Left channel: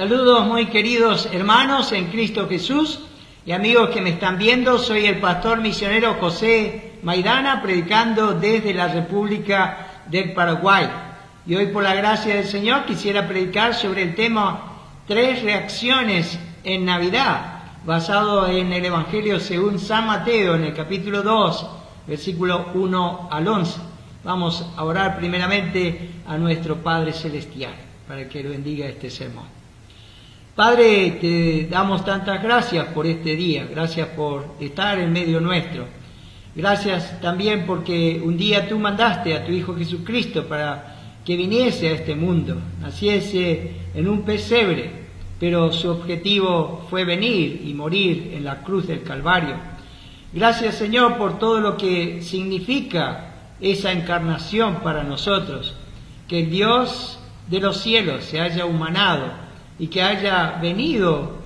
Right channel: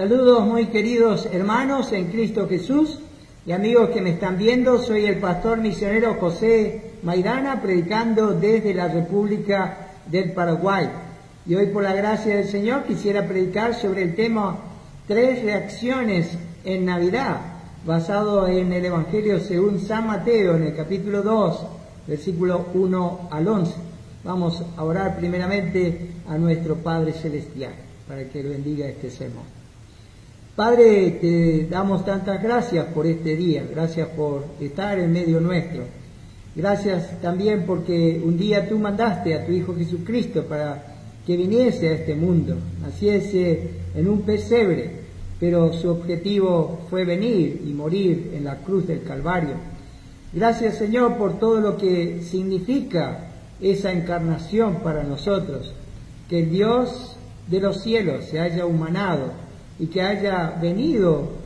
Saludos muy queridos hermanos en Cristo Jesús y amigos que me están viendo. Soy el pastor misionero José Maidana, predicando desde la República del Paraguay. Y hoy, por la gracia del Señor, quisiera predicar sobre el tema 3 reacciones en Navidad, basado en el Evangelio según San Mateo, en el capítulo 2, versículo 1 al 11. Vamos a orar primeramente a nuestro Padre Celestial, para que lo bendiga este sermón. Padre, te damos tantas gracias por este día, gracias por estar en medio nuestro. Gracias también porque un día tú mandaste a tu Hijo Jesucristo para que viniese a este mundo, naciese en un pesebre, pero su objetivo fue venir y morir en la cruz del Calvario. Gracias, Señor, por todo lo que significa esa encarnación para nosotros, que el Dios de los cielos se haya humanado y que haya venido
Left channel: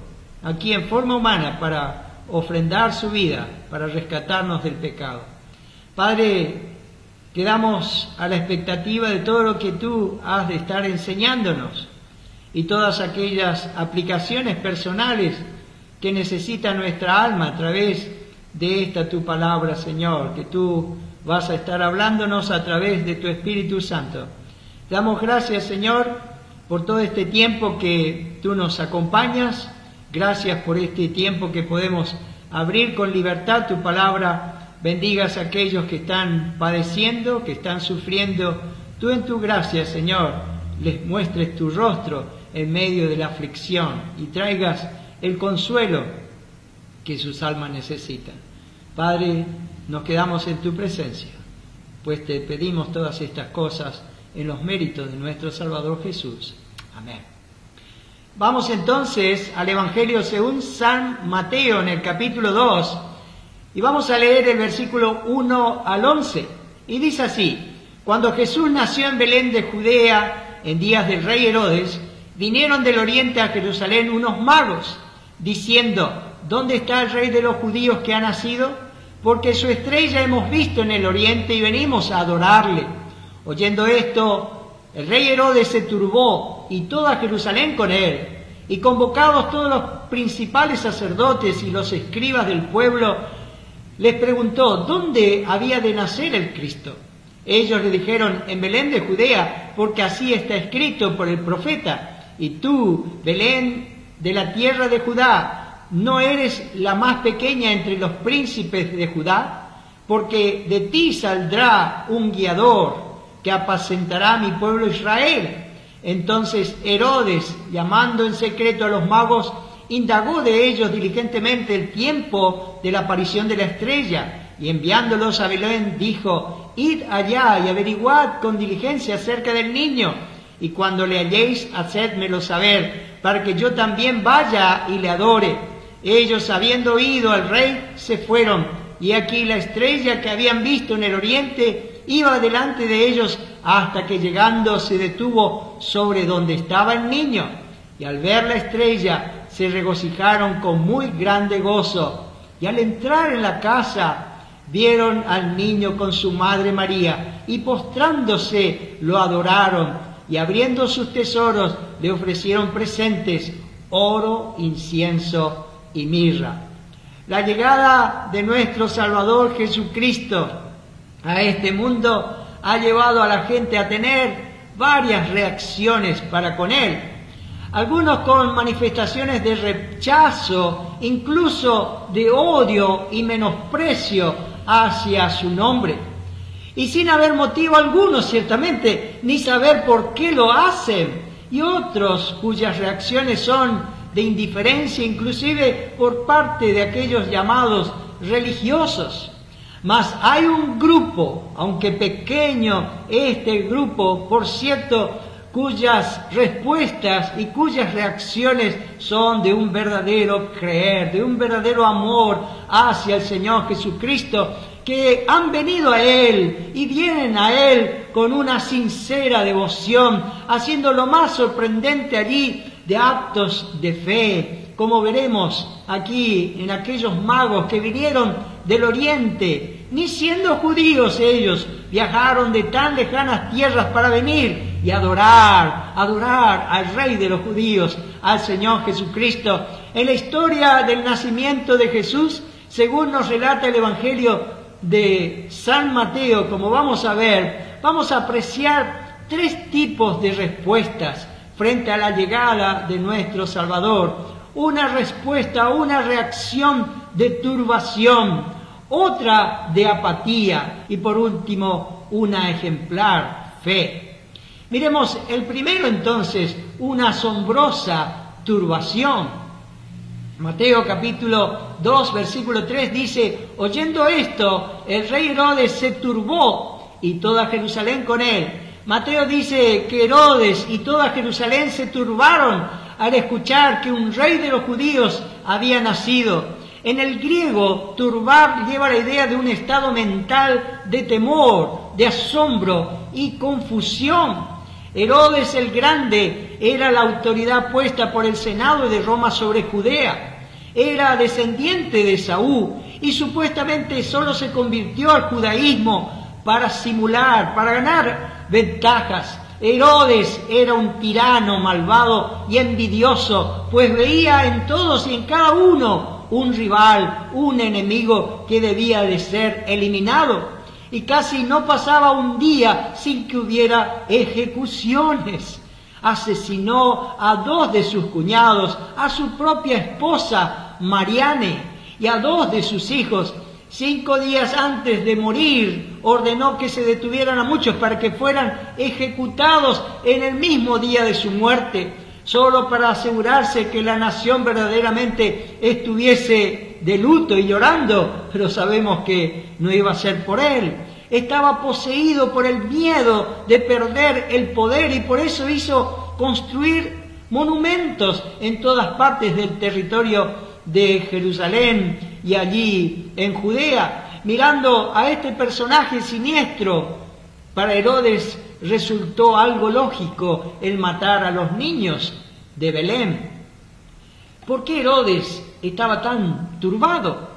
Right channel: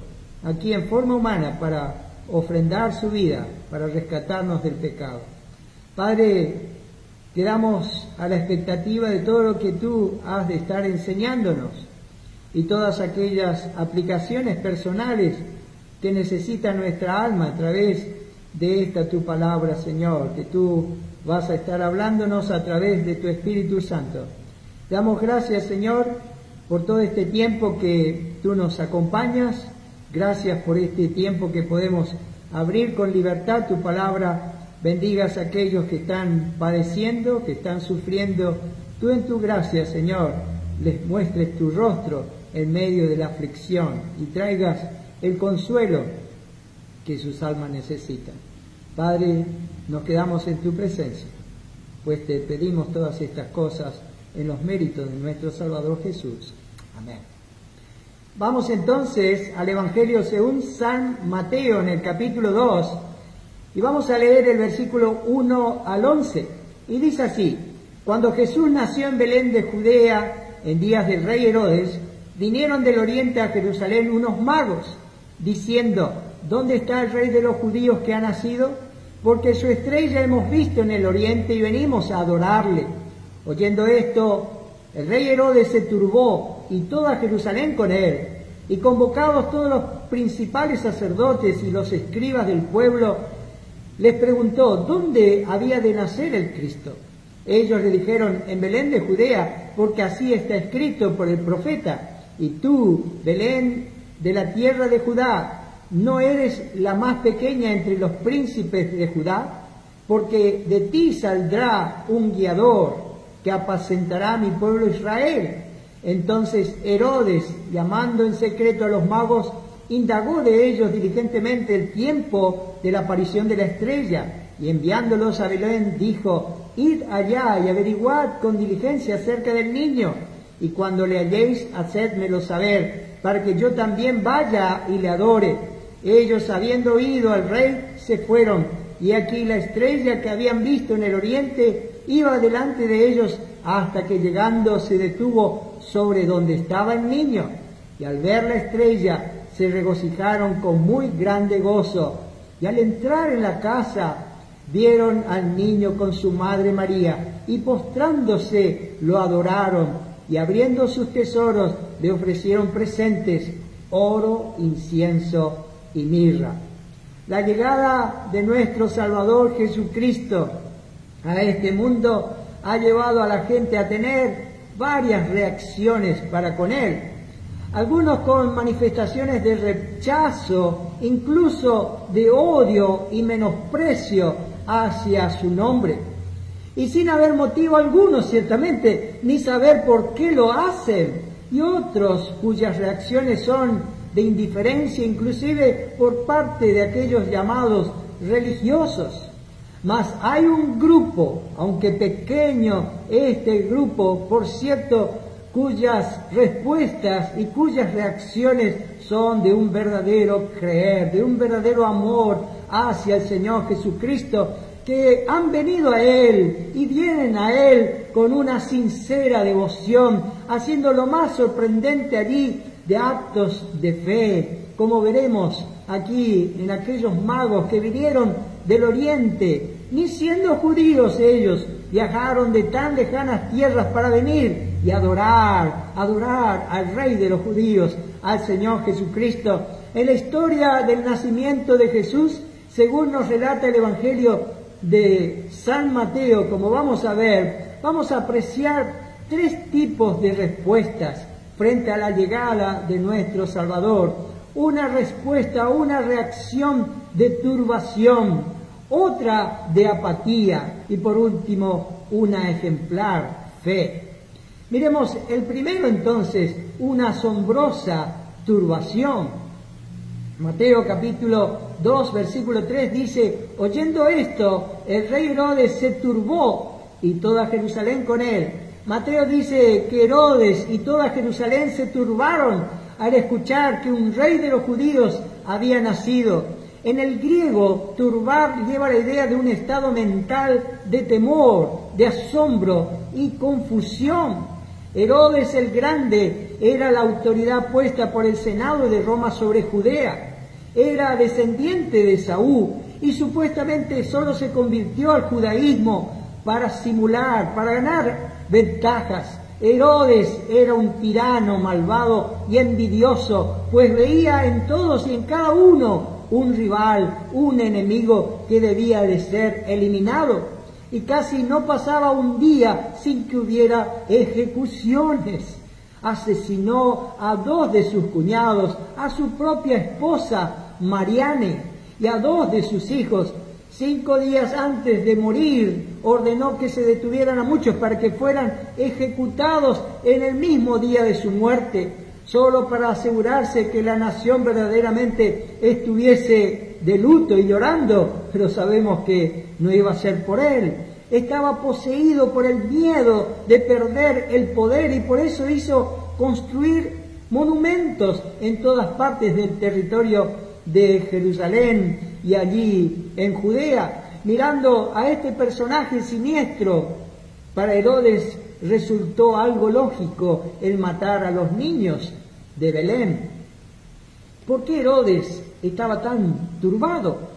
aquí en forma humana para ofrendar su vida, para rescatarnos del pecado. Padre, quedamos a la expectativa de todo lo que tú has de estar enseñándonos y todas aquellas aplicaciones personales que necesita nuestra alma a través de esta tu palabra, Señor, que tú vas a estar hablándonos a través de tu Espíritu Santo. Damos gracias, Señor, por todo este tiempo que tú nos acompañas. Gracias por este tiempo que podemos abrir con libertad tu palabra. Bendigas a aquellos que están padeciendo, que están sufriendo. Tú en tu gracia, Señor, les muestres tu rostro en medio de la aflicción y traigas el consuelo que sus almas necesitan. Padre, nos quedamos en tu presencia, pues te pedimos todas estas cosas en los méritos de nuestro Salvador Jesús. Amén. Vamos entonces al Evangelio según San Mateo en el capítulo 2 y vamos a leer el versículo 1 al 11. Y dice así: Cuando Jesús nació en Belén de Judea, en días del rey Herodes, vinieron del oriente a Jerusalén unos magos, diciendo: ¿Dónde está el rey de los judíos que ha nacido? Porque su estrella hemos visto en el oriente y venimos a adorarle. Oyendo esto, el rey Herodes se turbó y toda Jerusalén con él. Y convocados todos los principales sacerdotes y los escribas del pueblo, les preguntó dónde había de nacer el Cristo. Ellos le dijeron: en Belén de Judea, porque así está escrito por el profeta. Y tú, Belén de la tierra de Judá, ¿no eres la más pequeña entre los príncipes de Judá? Porque de ti saldrá un guiador que apacentará a mi pueblo Israel. Entonces Herodes, llamando en secreto a los magos, indagó de ellos diligentemente el tiempo de la aparición de la estrella, y enviándolos a Belén dijo: id allá y averiguad con diligencia acerca del niño, y cuando le halléis, hacedmelo saber, para que yo también vaya y le adore. Ellos, habiendo oído al rey, se fueron, y aquí la estrella que habían visto en el oriente iba delante de ellos hasta que llegando se detuvo sobre donde estaba el niño. Y al ver la estrella se regocijaron con muy grande gozo. Y al entrar en la casa vieron al niño con su madre María y postrándose lo adoraron y abriendo sus tesoros le ofrecieron presentes: oro, incienso y mirra. La llegada de nuestro Salvador Jesucristo a este mundo ha llevado a la gente a tener varias reacciones para con Él. Algunos con manifestaciones de rechazo, incluso de odio y menosprecio hacia su nombre. Y sin haber motivo alguno, ciertamente, ni saber por qué lo hacen. Y otros cuyas reacciones son de indiferencia, inclusive por parte de aquellos llamados religiosos. Mas hay un grupo, aunque pequeño este grupo, por cierto, cuyas respuestas y cuyas reacciones son de un verdadero creer, de un verdadero amor hacia el Señor Jesucristo, que han venido a Él y vienen a Él con una sincera devoción, haciendo lo más sorprendente allí de actos de fe, como veremos aquí en aquellos magos que vinieron del oriente. Ni siendo judíos ellos, viajaron de tan lejanas tierras para venir y adorar al Rey de los judíos, al Señor Jesucristo. En la historia del nacimiento de Jesús, según nos relata el Evangelio de San Mateo, como vamos a ver, vamos a apreciar tres tipos de respuestas frente a la llegada de nuestro Salvador. Una respuesta, una reacción de turbación, otra de apatía y por último una ejemplar fe. Miremos el primero entonces, una asombrosa turbación. Mateo capítulo 2 versículo 3 dice: oyendo esto, el rey Herodes se turbó y toda Jerusalén con él. Mateo dice que Herodes y toda Jerusalén se turbaron al escuchar que un rey de los judíos había nacido. En el griego, turbar lleva la idea de un estado mental de temor, de asombro y confusión. Herodes el Grande era la autoridad puesta por el Senado de Roma sobre Judea. Era descendiente de Saúl y supuestamente solo se convirtió al judaísmo para simular, para ganar ventajas. Herodes era un tirano malvado y envidioso, pues veía en todos y en cada uno un rival, un enemigo que debía de ser eliminado. Y casi no pasaba un día sin que hubiera ejecuciones. Asesinó a 2 de sus cuñados, a su propia esposa Mariane y a 2 de sus hijos. 5 días antes de morir, ordenó que se detuvieran a muchos para que fueran ejecutados en el mismo día de su muerte, solo para asegurarse que la nación verdaderamente estuviese de luto y llorando, pero sabemos que no iba a ser por él. Estaba poseído por el miedo de perder el poder y por eso hizo construir monumentos en todas partes del territorio de Jerusalén y allí en Judea. Mirando a este personaje siniestro, para Herodes resultó algo lógico el matar a los niños de Belén. ¿Por qué Herodes estaba tan turbado?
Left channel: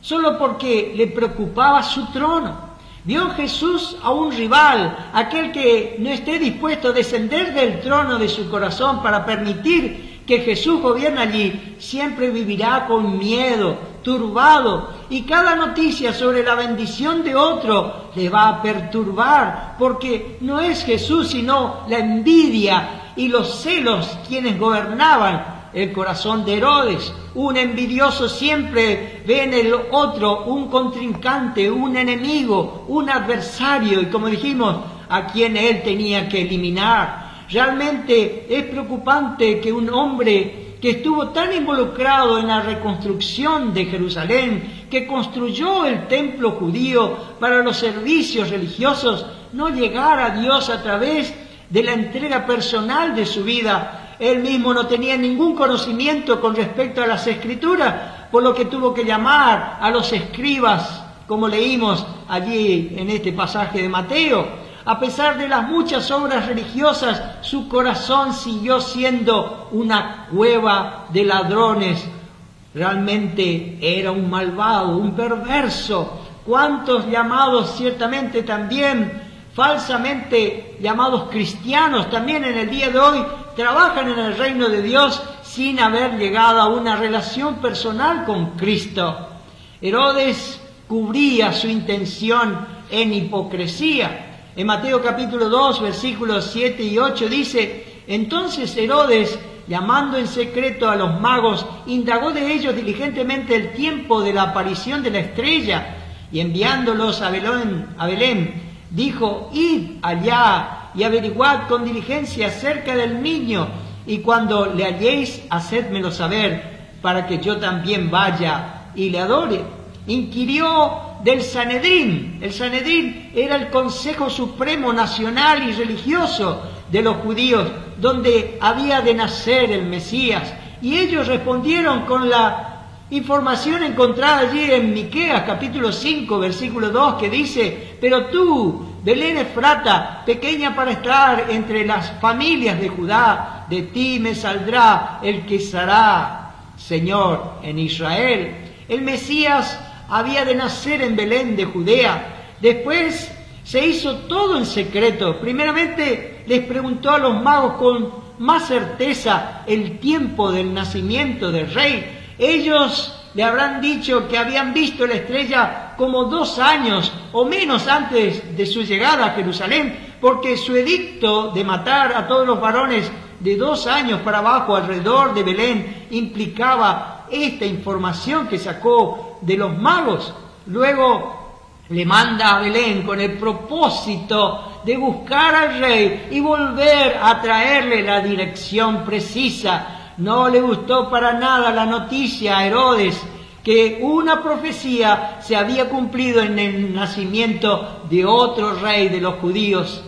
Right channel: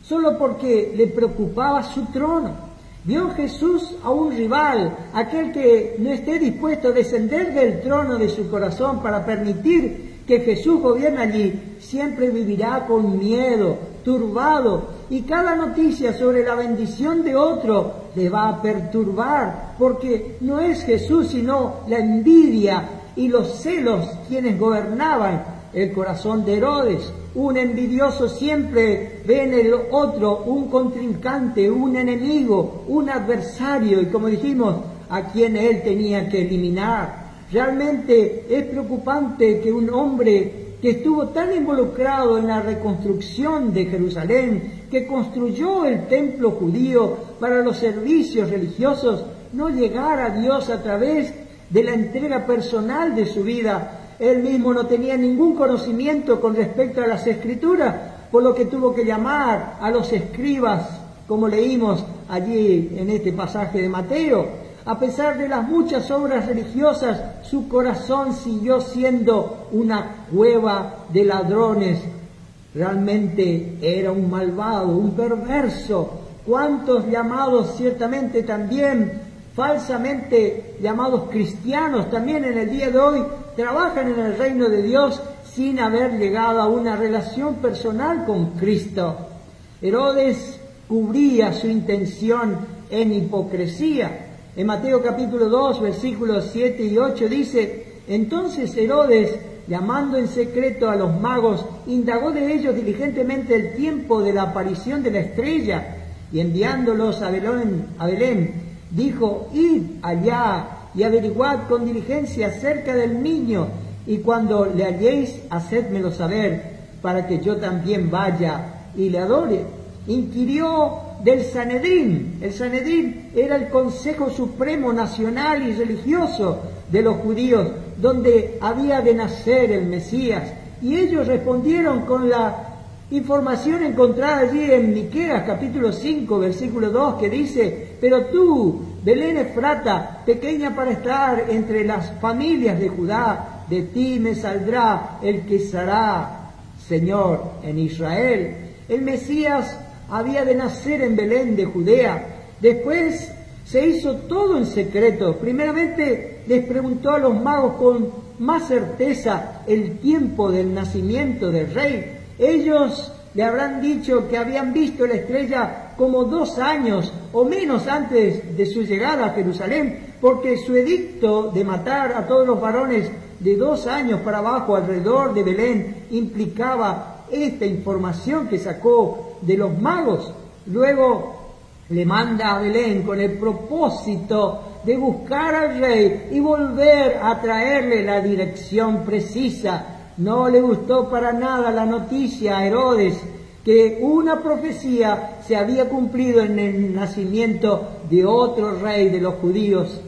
Solo porque le preocupaba su trono. Vio en Jesús a un rival, aquel que no esté dispuesto a descender del trono de su corazón para permitir que Jesús gobierne allí, siempre vivirá con miedo, turbado, y cada noticia sobre la bendición de otro le va a perturbar, porque no es Jesús sino la envidia y los celos quienes gobernaban el corazón de Herodes. Un envidioso siempre ve en el otro un contrincante, un enemigo, un adversario, y como dijimos, a quien él tenía que eliminar. Realmente es preocupante que un hombre que estuvo tan involucrado en la reconstrucción de Jerusalén, que construyó el templo judío para los servicios religiosos, no llegara a Dios a través de la entrega personal de su vida. Él mismo no tenía ningún conocimiento con respecto a las Escrituras, por lo que tuvo que llamar a los escribas, como leímos allí en este pasaje de Mateo. A pesar de las muchas obras religiosas, su corazón siguió siendo una cueva de ladrones. Realmente era un malvado, un perverso. ¿Cuántos llamados ciertamente también falsamente llamados cristianos también en el día de hoy trabajan en el reino de Dios sin haber llegado a una relación personal con Cristo? Herodes cubría su intención en hipocresía. En Mateo capítulo 2, versículos 7 y 8 dice: entonces Herodes, llamando en secreto a los magos, indagó de ellos diligentemente el tiempo de la aparición de la estrella, y enviándolos a Belén, dijo: id allá y averiguad con diligencia acerca del niño, y cuando le halléis, hacédmelo saber, para que yo también vaya y le adore. Inquirió del Sanedrín. El Sanedrín era el Consejo Supremo Nacional y Religioso de los judíos, donde había de nacer el Mesías. Y ellos respondieron con la información encontrada allí en Miqueas capítulo 5, versículo 2, que dice: pero tú, Belén Efrata, pequeña para estar entre las familias de Judá, de ti me saldrá el que será Señor en Israel. El Mesías había de nacer en Belén de Judea. Después se hizo todo en secreto. Primeramente les preguntó a los magos con más certeza el tiempo del nacimiento del rey. Ellos le habrán dicho que habían visto la estrella como 2 años o menos antes de su llegada a Jerusalén, porque su edicto de matar a todos los varones de 2 años para abajo alrededor de Belén implicaba esta información que sacó de los magos. Luego le manda a Belén con el propósito de buscar al rey y volver a traerle la dirección precisa. No le gustó para nada la noticia a Herodes que una profecía se había cumplido en el nacimiento de otro rey de los judíos.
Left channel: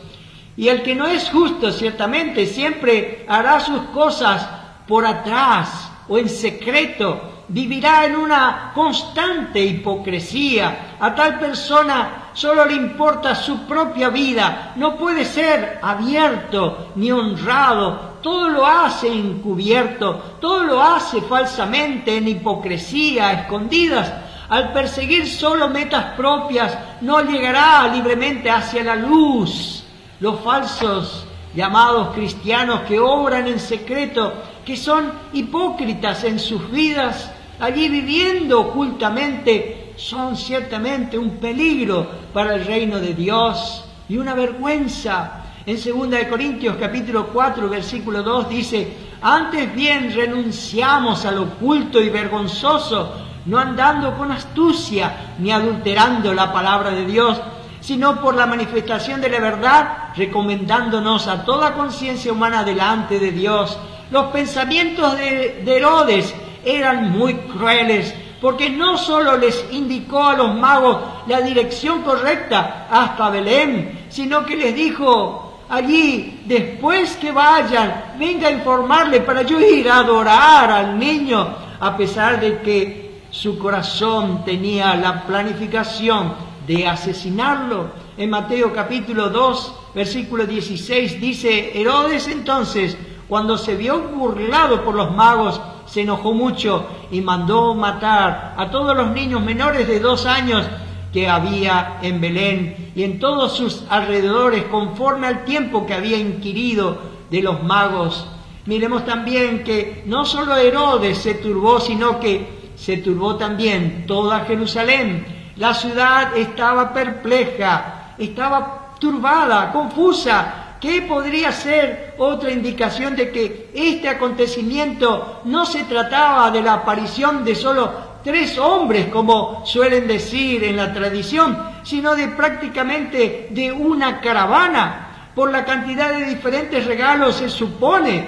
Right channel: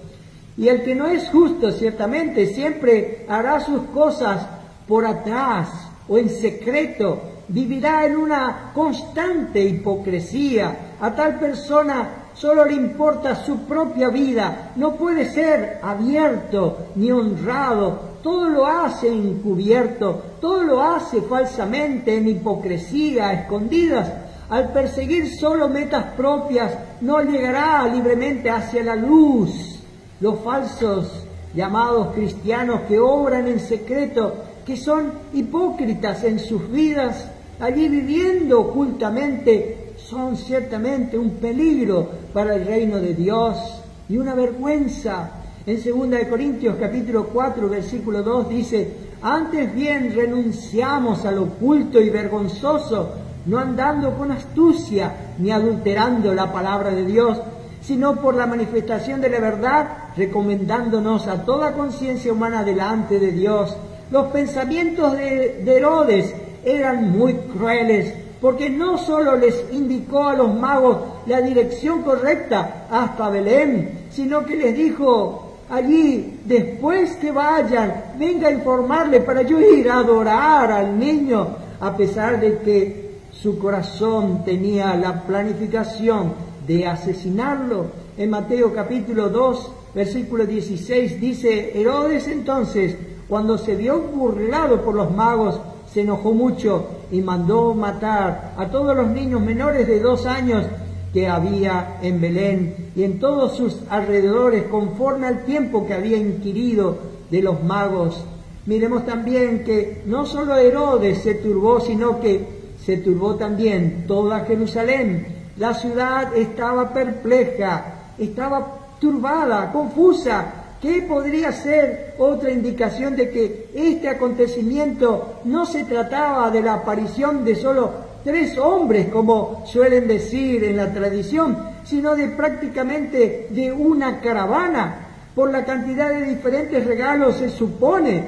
Y el que no es justo, ciertamente, siempre hará sus cosas por atrás o en secreto, vivirá en una constante hipocresía. A tal persona solo le importa su propia vida, no puede ser abierto ni honrado, todo lo hace encubierto, todo lo hace falsamente, en hipocresía, a escondidas. Al perseguir solo metas propias, no llegará libremente hacia la luz. Los falsos llamados cristianos que obran en secreto, que son hipócritas en sus vidas, allí viviendo ocultamente, son ciertamente un peligro para el reino de Dios y una vergüenza. En 2 Corintios capítulo 4, versículo 2 dice: antes bien renunciamos al oculto y vergonzoso, no andando con astucia ni adulterando la palabra de Dios, sino por la manifestación de la verdad, recomendándonos a toda conciencia humana delante de Dios. Los pensamientos de Herodes eran muy crueles, porque no solo les indicó a los magos la dirección correcta hasta Belén, sino que les dijo allí: después que vayan, venga a informarle para yo ir a adorar al niño, a pesar de que su corazón tenía la planificación de asesinarlo. En Mateo capítulo 2, versículo 16 dice: Herodes entonces, cuando se vio burlado por los magos, se enojó mucho y mandó matar a todos los niños menores de 2 años que había en Belén y en todos sus alrededores, conforme al tiempo que había inquirido de los magos. Miremos también que no solo Herodes se turbó, sino que se turbó también toda Jerusalén. La ciudad estaba perpleja, estaba turbada, confusa. ¿Qué podría ser otra indicación de que este acontecimiento no se trataba de la aparición de solo 3 hombres, como suelen decir en la tradición, sino de prácticamente de una caravana? Por la cantidad de diferentes regalos se supone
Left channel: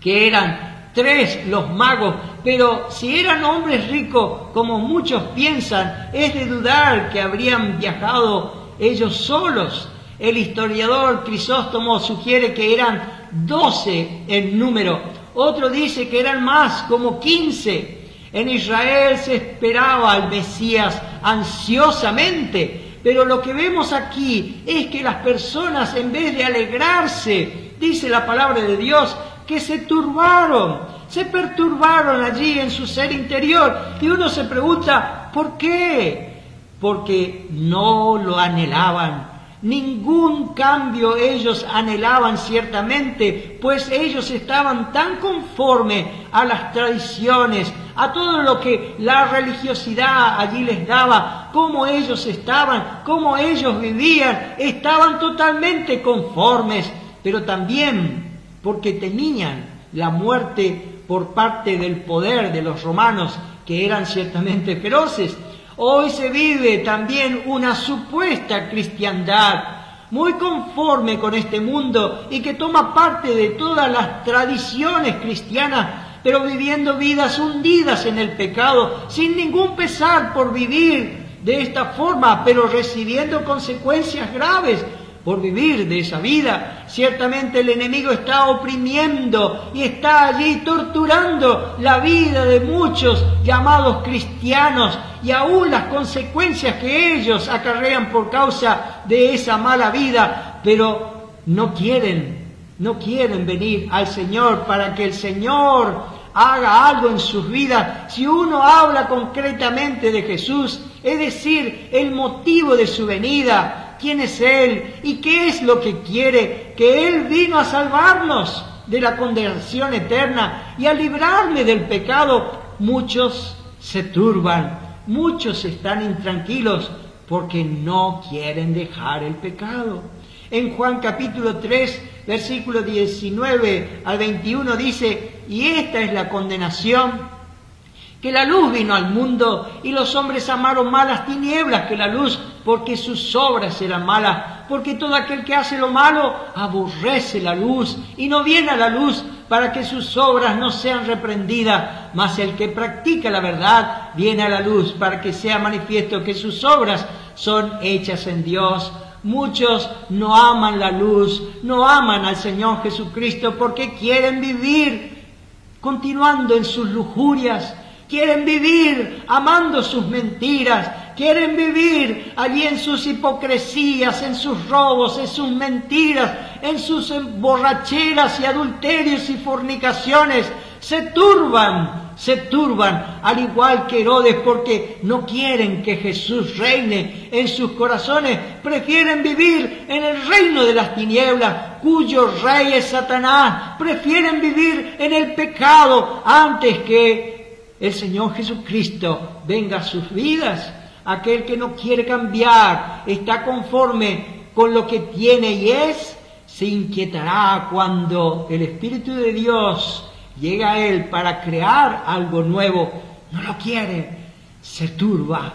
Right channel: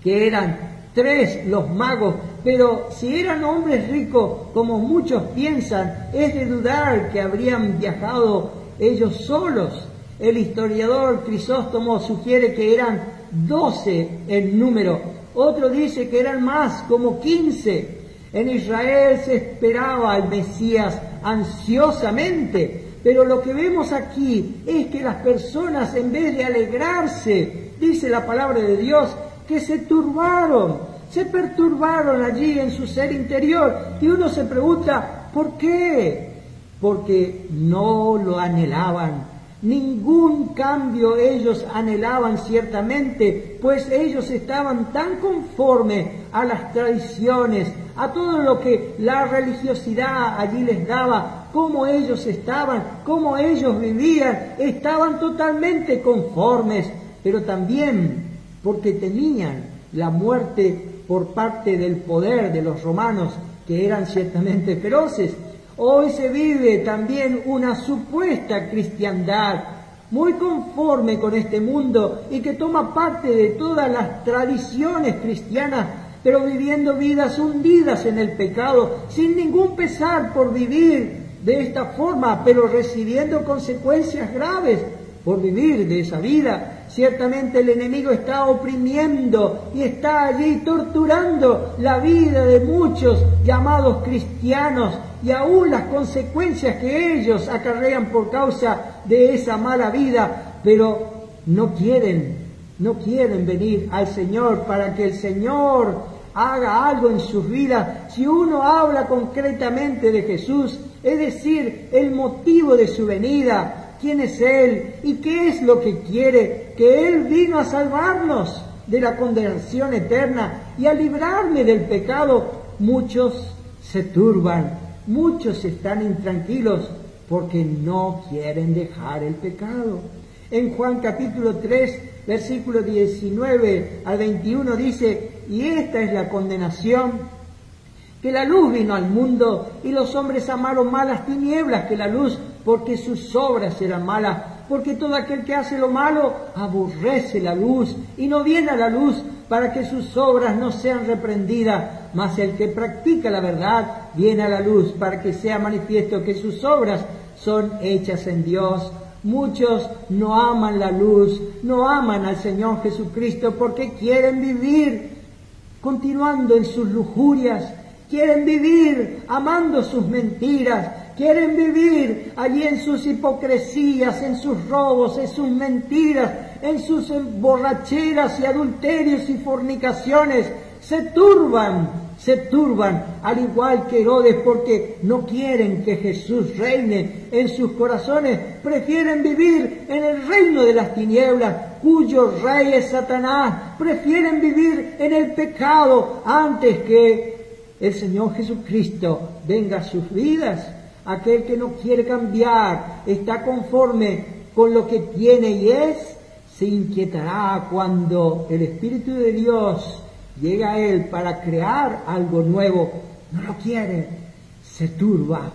que eran 3 los magos, pero si eran hombres ricos, como muchos piensan, es de dudar que habrían viajado ellos solos. El historiador Crisóstomo sugiere que eran 12 en número, otro dice que eran más, como 15. En Israel se esperaba al Mesías ansiosamente, pero lo que vemos aquí es que las personas, en vez de alegrarse, dice la palabra de Dios, que se turbaron, se perturbaron allí en su ser interior. Y uno se pregunta, ¿por qué? Porque no lo anhelaban. Ningún cambio ellos anhelaban ciertamente, pues ellos estaban tan conformes a las tradiciones, a todo lo que la religiosidad allí les daba, cómo ellos estaban, cómo ellos vivían, estaban totalmente conformes, pero también porque temían la muerte por parte del poder de los romanos, que eran ciertamente feroces. Hoy se vive también una supuesta cristiandad muy conforme con este mundo y que toma parte de todas las tradiciones cristianas, pero viviendo vidas hundidas en el pecado, sin ningún pesar por vivir de esta forma, pero recibiendo consecuencias graves por vivir de esa vida. Ciertamente el enemigo está oprimiendo y está allí torturando la vida de muchos llamados cristianos, y aún las consecuencias que ellos acarrean por causa de esa mala vida, pero no quieren venir al Señor para que el Señor haga algo en sus vidas. Si uno habla concretamente de Jesús, es decir, el motivo de su venida, quién es Él y qué es lo que quiere, que Él vino a salvarnos de la condenación eterna y a librarme del pecado, muchos se turban, muchos están intranquilos porque no quieren dejar el pecado. En Juan capítulo 3, versículo 19 al 21 dice: y esta es la condenación, que la luz vino al mundo y los hombres amaron más las tinieblas que la luz, porque sus obras eran malas. Porque todo aquel que hace lo malo aborrece la luz y no viene a la luz para que sus obras no sean reprendidas. Mas el que practica la verdad viene a la luz para que sea manifiesto que sus obras son hechas en Dios. Muchos no aman la luz, no aman al Señor Jesucristo porque quieren vivir continuando en sus lujurias, quieren vivir amando sus mentiras, quieren vivir allí en sus hipocresías, en sus robos, en sus mentiras, en sus borracheras y adulterios y fornicaciones. Se turban, al igual que Herodes, porque no quieren que Jesús reine en sus corazones. Prefieren vivir en el reino de las tinieblas, cuyo rey es Satanás. Prefieren vivir en el pecado antes que el Señor Jesucristo venga a sus vidas. Aquel que no quiere cambiar, está conforme con lo que tiene y es, se inquietará cuando el Espíritu de Dios llega a él para crear algo nuevo. No lo quiere, se turba.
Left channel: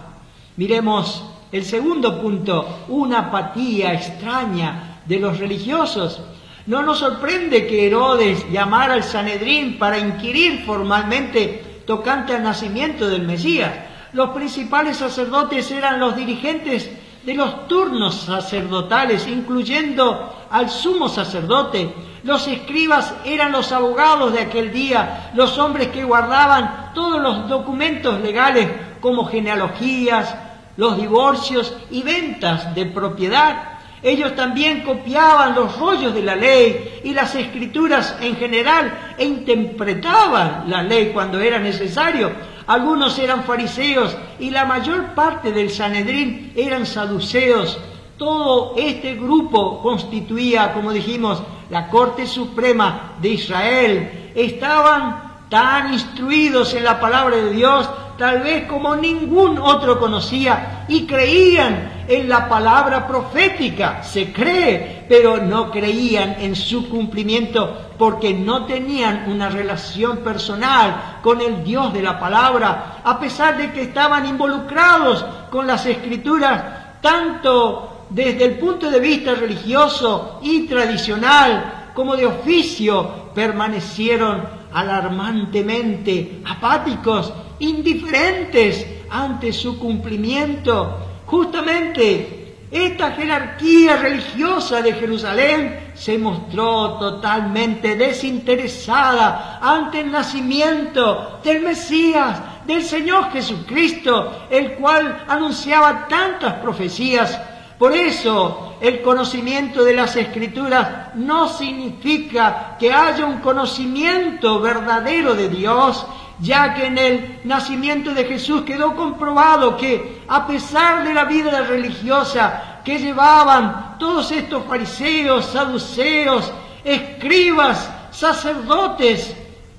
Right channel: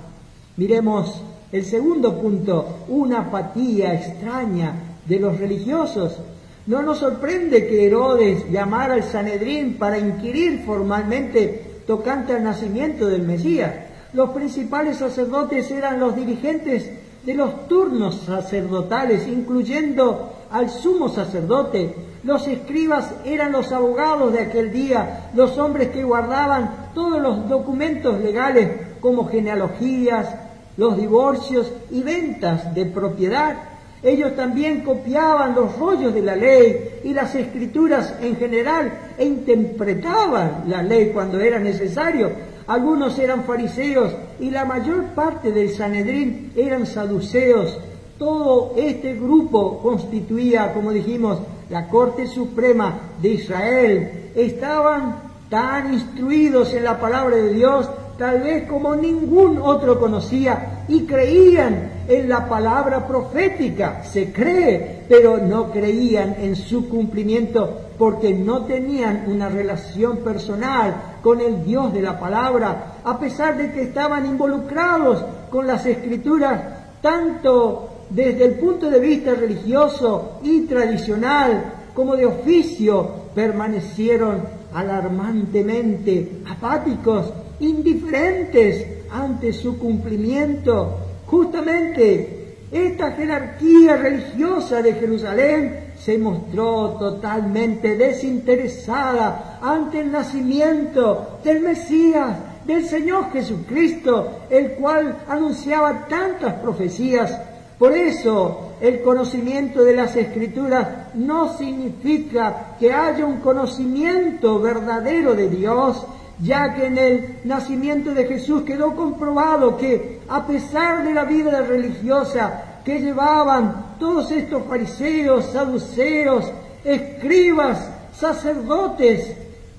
Miremos el segundo punto, una apatía extraña de los religiosos. No nos sorprende que Herodes llamara al Sanedrín para inquirir formalmente tocante al nacimiento del Mesías. Los principales sacerdotes eran los dirigentes de los turnos sacerdotales, incluyendo al sumo sacerdote. Los escribas eran los abogados de aquel día, los hombres que guardaban todos los documentos legales como genealogías, los divorcios y ventas de propiedad. Ellos también copiaban los rollos de la ley y las escrituras en general e interpretaban la ley cuando era necesario. Algunos eran fariseos y la mayor parte del Sanedrín eran saduceos. Todo este grupo constituía, como dijimos, la Corte Suprema de Israel. Estaban tan instruidos en la palabra de Dios, tal vez como ningún otro conocía, y creían en la palabra profética. Se cree, pero no creían en su cumplimiento porque no tenían una relación personal con el Dios de la palabra, a pesar de que estaban involucrados con las Escrituras, tanto desde el punto de vista religioso y tradicional como de oficio. Permanecieron alarmantemente apáticos, indiferentes ante su cumplimiento. Justamente esta jerarquía religiosa de Jerusalén se mostró totalmente desinteresada ante el nacimiento del Mesías, del Señor Jesucristo, el cual anunciaba tantas profecías. Por eso, el conocimiento de las Escrituras no significa que haya un conocimiento verdadero de Dios, ya que en el nacimiento de Jesús quedó comprobado que, a pesar de la vida religiosa que llevaban todos estos fariseos, saduceos, escribas, sacerdotes,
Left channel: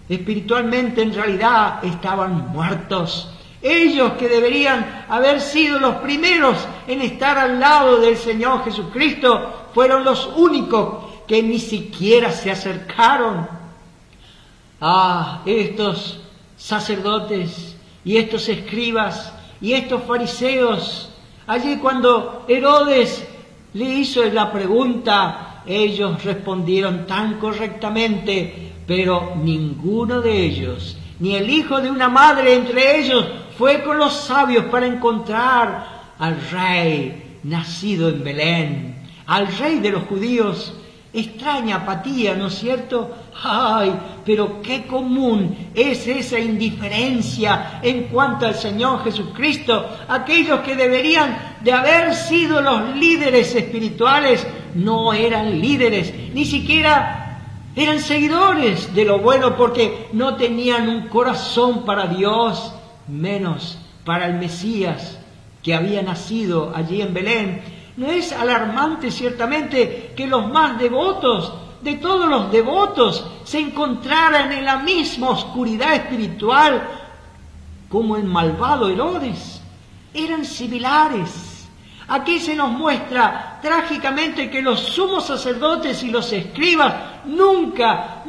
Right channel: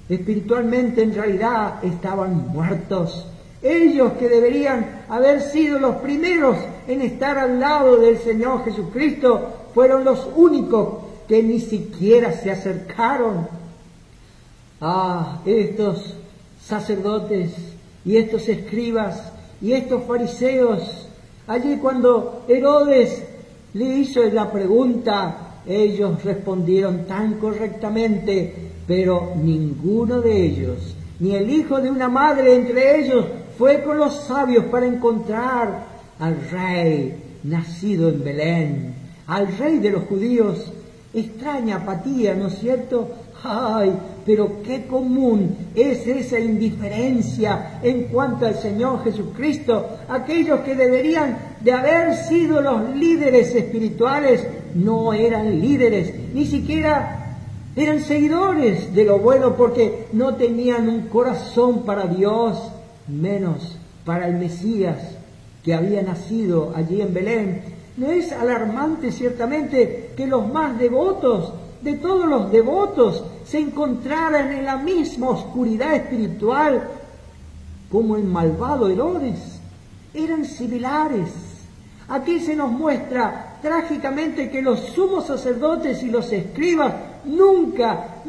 espiritualmente en realidad estaban muertos. Ellos, que deberían haber sido los primeros en estar al lado del Señor Jesucristo, fueron los únicos que ni siquiera se acercaron. Estos sacerdotes y estos escribas y estos fariseos, allí cuando Herodes le hizo la pregunta, ellos respondieron tan correctamente, pero ninguno de ellos, ni el hijo de una madre entre ellos, fue con los sabios para encontrar al rey nacido en Belén, al rey de los judíos. Extraña apatía, ¿no es cierto? Pero qué común es esa indiferencia en cuanto al Señor Jesucristo. Aquellos que deberían de haber sido los líderes espirituales no eran líderes, ni siquiera eran seguidores de lo bueno, porque no tenían un corazón para Dios, menos para el Mesías que había nacido allí en Belén. ¿No es alarmante ciertamente que los más devotos de todos los devotos se encontraran en la misma oscuridad espiritual como el malvado Herodes? Eran similares. Aquí se nos muestra trágicamente que los sumos sacerdotes y los escribas nunca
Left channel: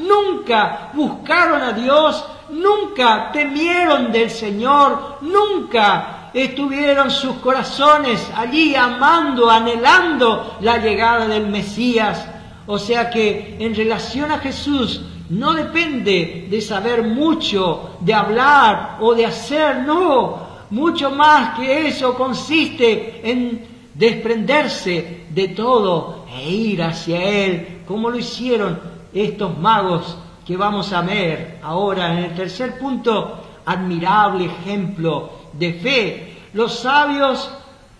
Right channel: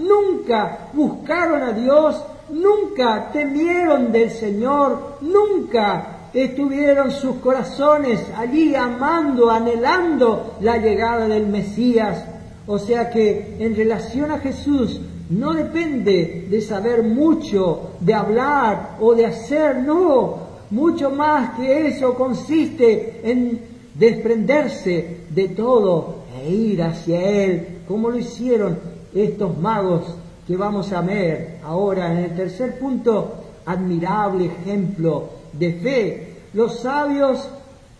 buscaron a Dios, nunca temieron del Señor, nunca estuvieron sus corazones allí amando, anhelando la llegada del Mesías. O sea que en relación a Jesús no depende de saber mucho, de hablar o de hacer, no. Mucho más que eso consiste en desprenderse de todo e ir hacia Él, como lo hicieron estos magos que vamos a ver ahora en el tercer punto. Admirable ejemplo de fe. Los sabios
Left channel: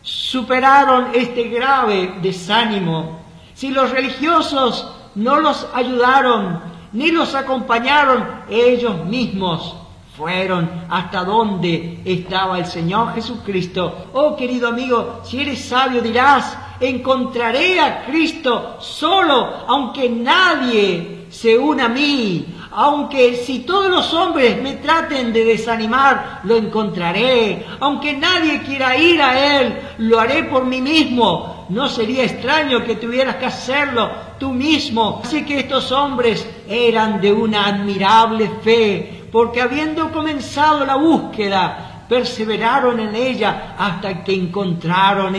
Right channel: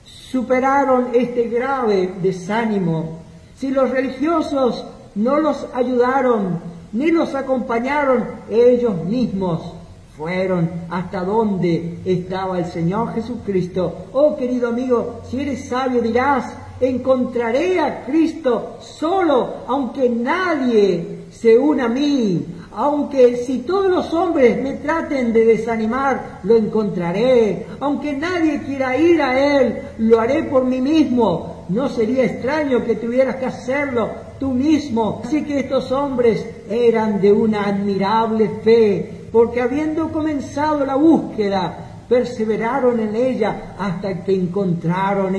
superaron este grave desánimo. Si los religiosos no los ayudaron ni los acompañaron, ellos mismos fueron hasta donde estaba el Señor Jesucristo. Oh, querido amigo, si eres sabio dirás: encontraré a Cristo solo, aunque nadie se una a mí. Aunque si todos los hombres me traten de desanimar, lo encontraré. Aunque nadie quiera ir a Él, lo haré por mí mismo. No sería extraño que tuvieras que hacerlo tú mismo. Así que estos hombres eran de una admirable fe, porque habiendo comenzado la búsqueda, perseveraron en ella hasta que encontraron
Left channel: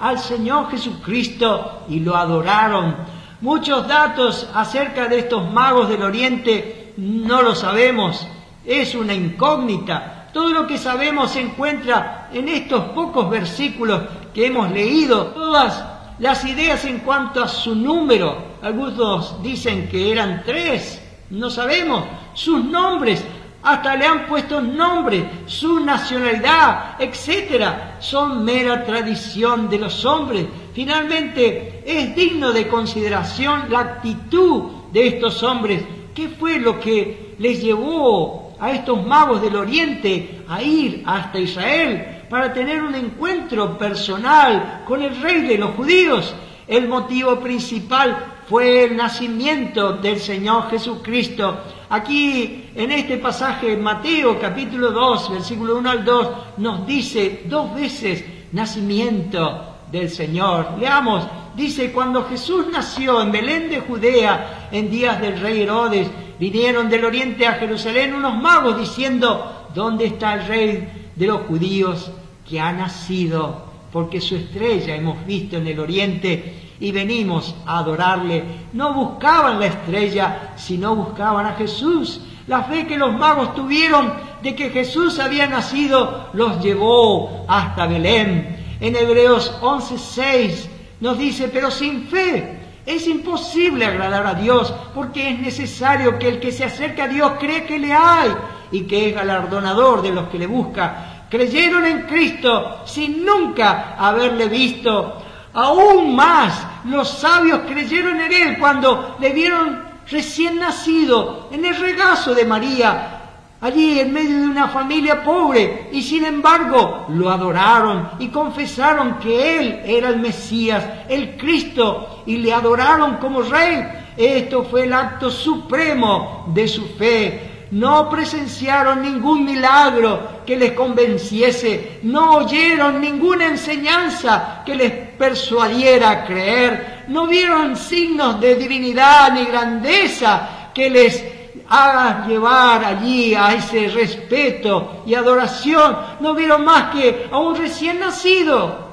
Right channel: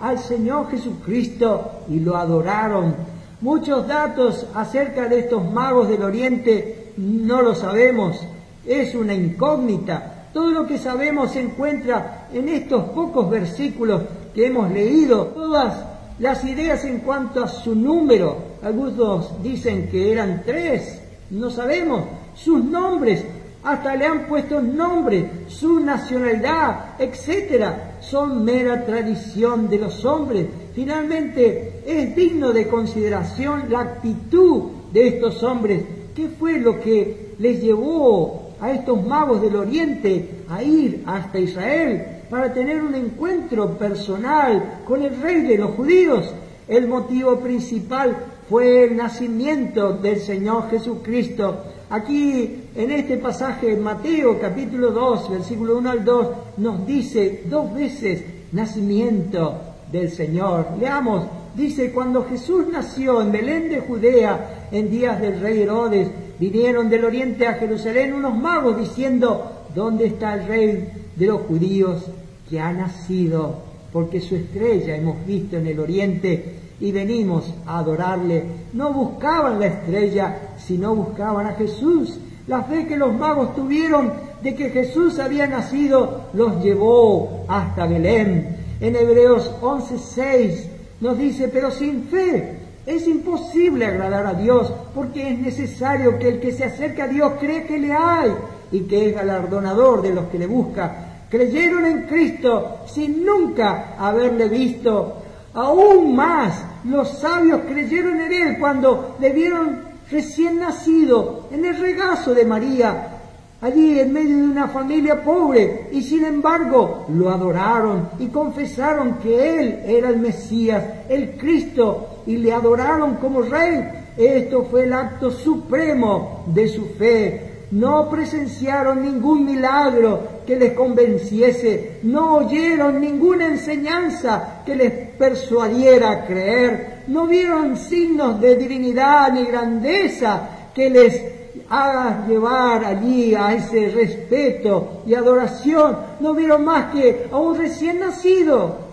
al Señor Jesucristo y lo adoraron. Muchos datos acerca de estos magos del Oriente no lo sabemos, es una incógnita. Todo lo que sabemos se encuentra en estos pocos versículos que hemos leído. Todas las ideas en cuanto a su número, algunos dicen que eran 3, no sabemos sus nombres, hasta le han puesto nombre, su nacionalidad, etcétera, son mera tradición de los hombres. Finalmente, es digno de consideración la actitud de estos hombres. ¿Qué fue lo que les llevó a estos magos del Oriente a ir hasta Israel para tener un encuentro personal con el rey de los judíos? El motivo principal fue el nacimiento del Señor Jesucristo. Aquí, en este pasaje, Mateo capítulo 2, versículo 1 al 2, nos dice 2 veces nacimiento del Señor. Leamos, dice: cuando Jesús nació en Belén de Judea, en días del rey Herodes, vinieron del oriente a Jerusalén unos magos diciendo: ¿dónde está el rey de los judíos que ha nacido? Porque su estrella hemos visto en el oriente y venimos a adorarle. No buscaban la estrella, sino buscaban a Jesús. La fe que los magos tuvieron de que Jesús había nacido los llevó hasta Belén. En Hebreos 11:6 nos dice: pero sin fe es imposible agradar a Dios, porque es necesario que el que se acerca a Dios cree que le hay y que es galardonador de los que le buscan. Creyeron en Cristo sin nunca haberle visto. Aún más, los sabios creyeron en Él cuando le vieron recién nacido en el regazo de María, allí en medio de una familia pobre, y sin embargo lo adoraron y confesaron que Él era el Mesías, el Cristo, y le adoraron como Rey. Esto fue el acto supremo de su fe. No presenciaron ningún milagro que les convenciese, no oyeron ninguna enseñanza que les persuadiera a creer, no vieron signos de divinidad ni grandeza que les haga llevar allí a ese respeto y adoración. No vieron más que a un recién nacido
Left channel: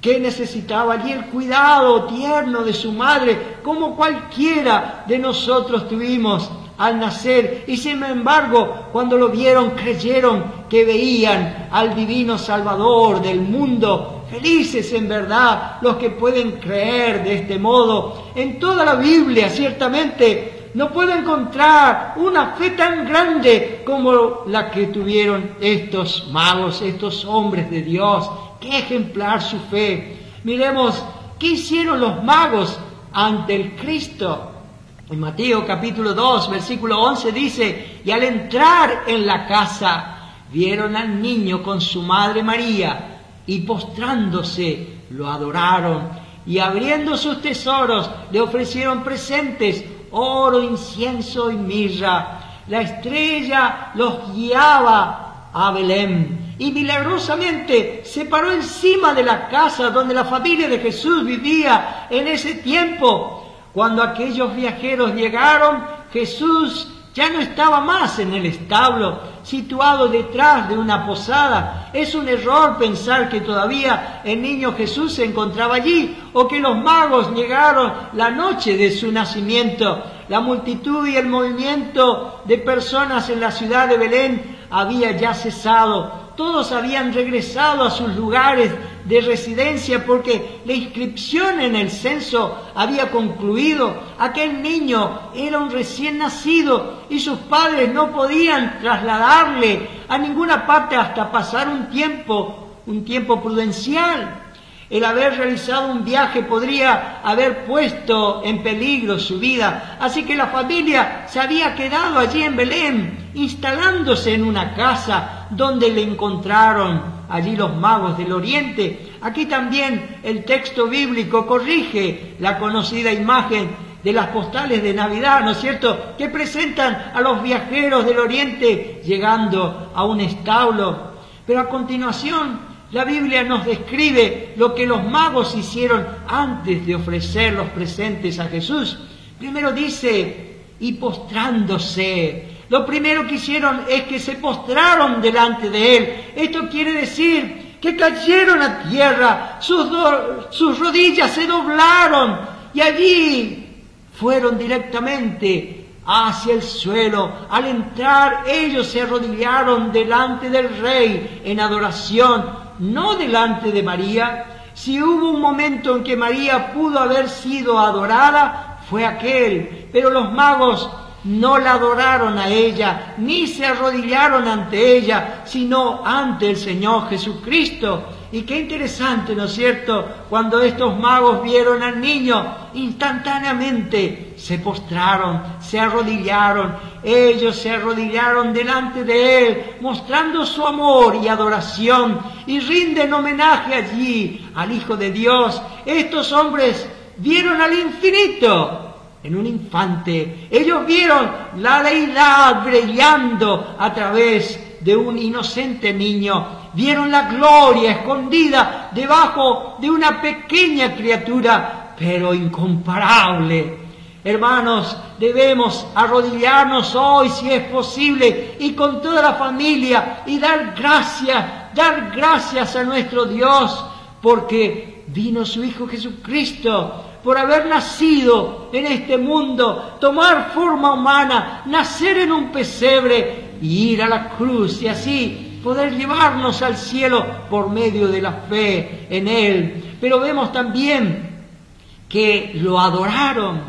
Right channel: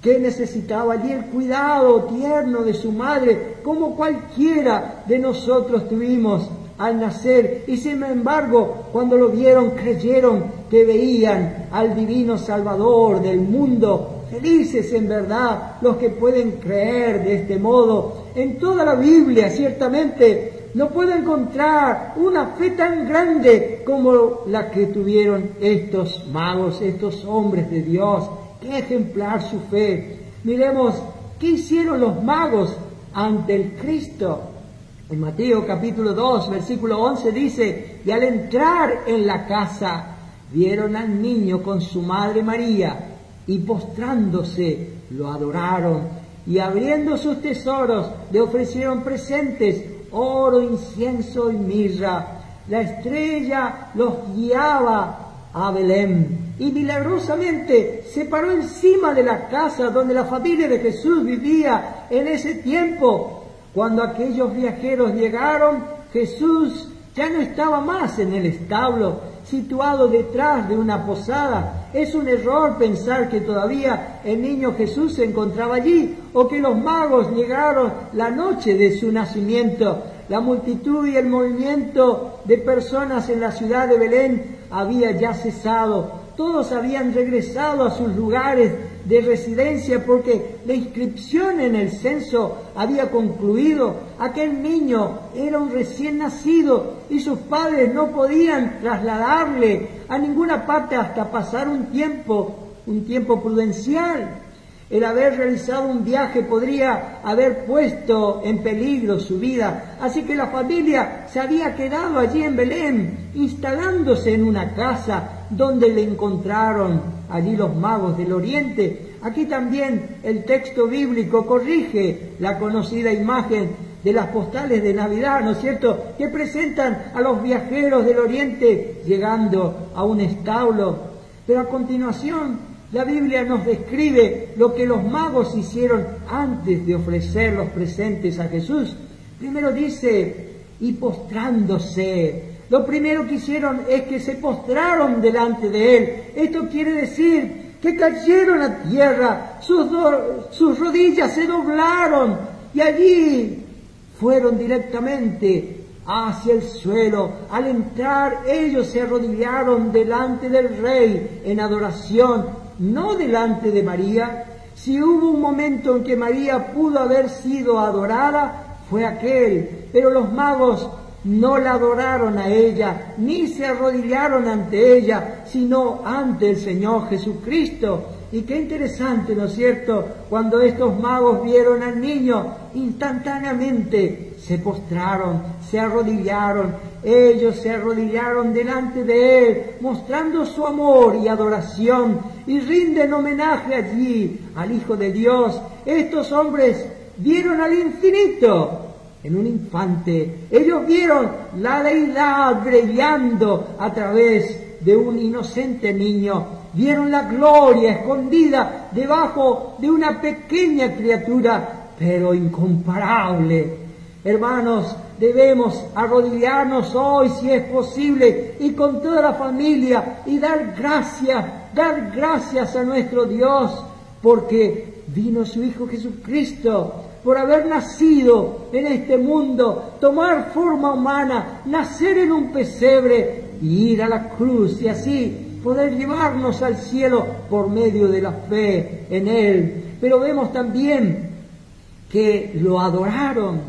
que necesitaba allí el cuidado tierno de su madre, como cualquiera de nosotros tuvimos al nacer. Y sin embargo, cuando lo vieron, creyeron que veían al divino Salvador del mundo. Felices en verdad los que pueden creer de este modo. En toda la Biblia, ciertamente, no puedo encontrar una fe tan grande como la que tuvieron estos magos, estos hombres de Dios. ¡Qué ejemplar su fe! Miremos qué hicieron los magos ante el Cristo. En Mateo capítulo 2, versículo 11 dice: y al entrar en la casa, vieron al niño con su madre María, y postrándose, lo adoraron y abriendo sus tesoros le ofrecieron presentes, oro, incienso y mirra. La estrella los guiaba a Belén y milagrosamente se paró encima de la casa donde la familia de Jesús vivía en ese tiempo. Cuando aquellos viajeros llegaron, Jesús ya no estaba más en el establo, situado detrás de una posada. Es un error pensar que todavía el niño Jesús se encontraba allí o que los magos llegaron la noche de su nacimiento. La multitud y el movimiento de personas en la ciudad de Belén había ya cesado. Todos habían regresado a sus lugares de residencia porque la inscripción en el censo había concluido. Aquel niño era un recién nacido y sus padres no podían trasladarle a ninguna parte hasta pasar un tiempo prudencial. El haber realizado un viaje podría haber puesto en peligro su vida. Así que la familia se había quedado allí en Belén, instalándose en una casa donde le encontraron allí los magos del Oriente. Aquí también el texto bíblico corrige la conocida imagen de las postales de Navidad, ¿no es cierto?, que presentan a los viajeros del Oriente llegando a un establo. Pero a continuación, la Biblia nos describe lo que los magos hicieron antes de ofrecer los presentes a Jesús. Primero dice, y postrándose. Lo primero que hicieron es que se postraron delante de Él. Esto quiere decir que cayeron a tierra, sus rodillas se doblaron y allí fueron directamente hacia el suelo. Al entrar, ellos se arrodillaron delante del Rey en adoración, no delante de María. Si hubo un momento en que María pudo haber sido adorada, fue aquel, pero los magos no la adoraron a ella, ni se arrodillaron ante ella, sino ante el Señor Jesucristo. Y qué interesante, ¿no es cierto?, cuando estos magos vieron al niño, instantáneamente se postraron, se arrodillaron. Ellos se arrodillaron delante de Él, mostrando su amor y adoración, y rinden homenaje allí al Hijo de Dios. Estos hombres vieron al infinito en un infante. Ellos vieron la deidad brillando a través de un inocente niño. Vieron la gloria escondida debajo de una pequeña criatura, pero incomparable. Hermanos, debemos arrodillarnos hoy, si es posible, y con toda la familia, y dar gracias a nuestro Dios, porque vino su Hijo Jesucristo, por haber nacido en este mundo, tomar forma humana, nacer en un pesebre y ir a la cruz, y así poder llevarnos al cielo por medio de la fe en Él. Pero vemos también que lo adoraron.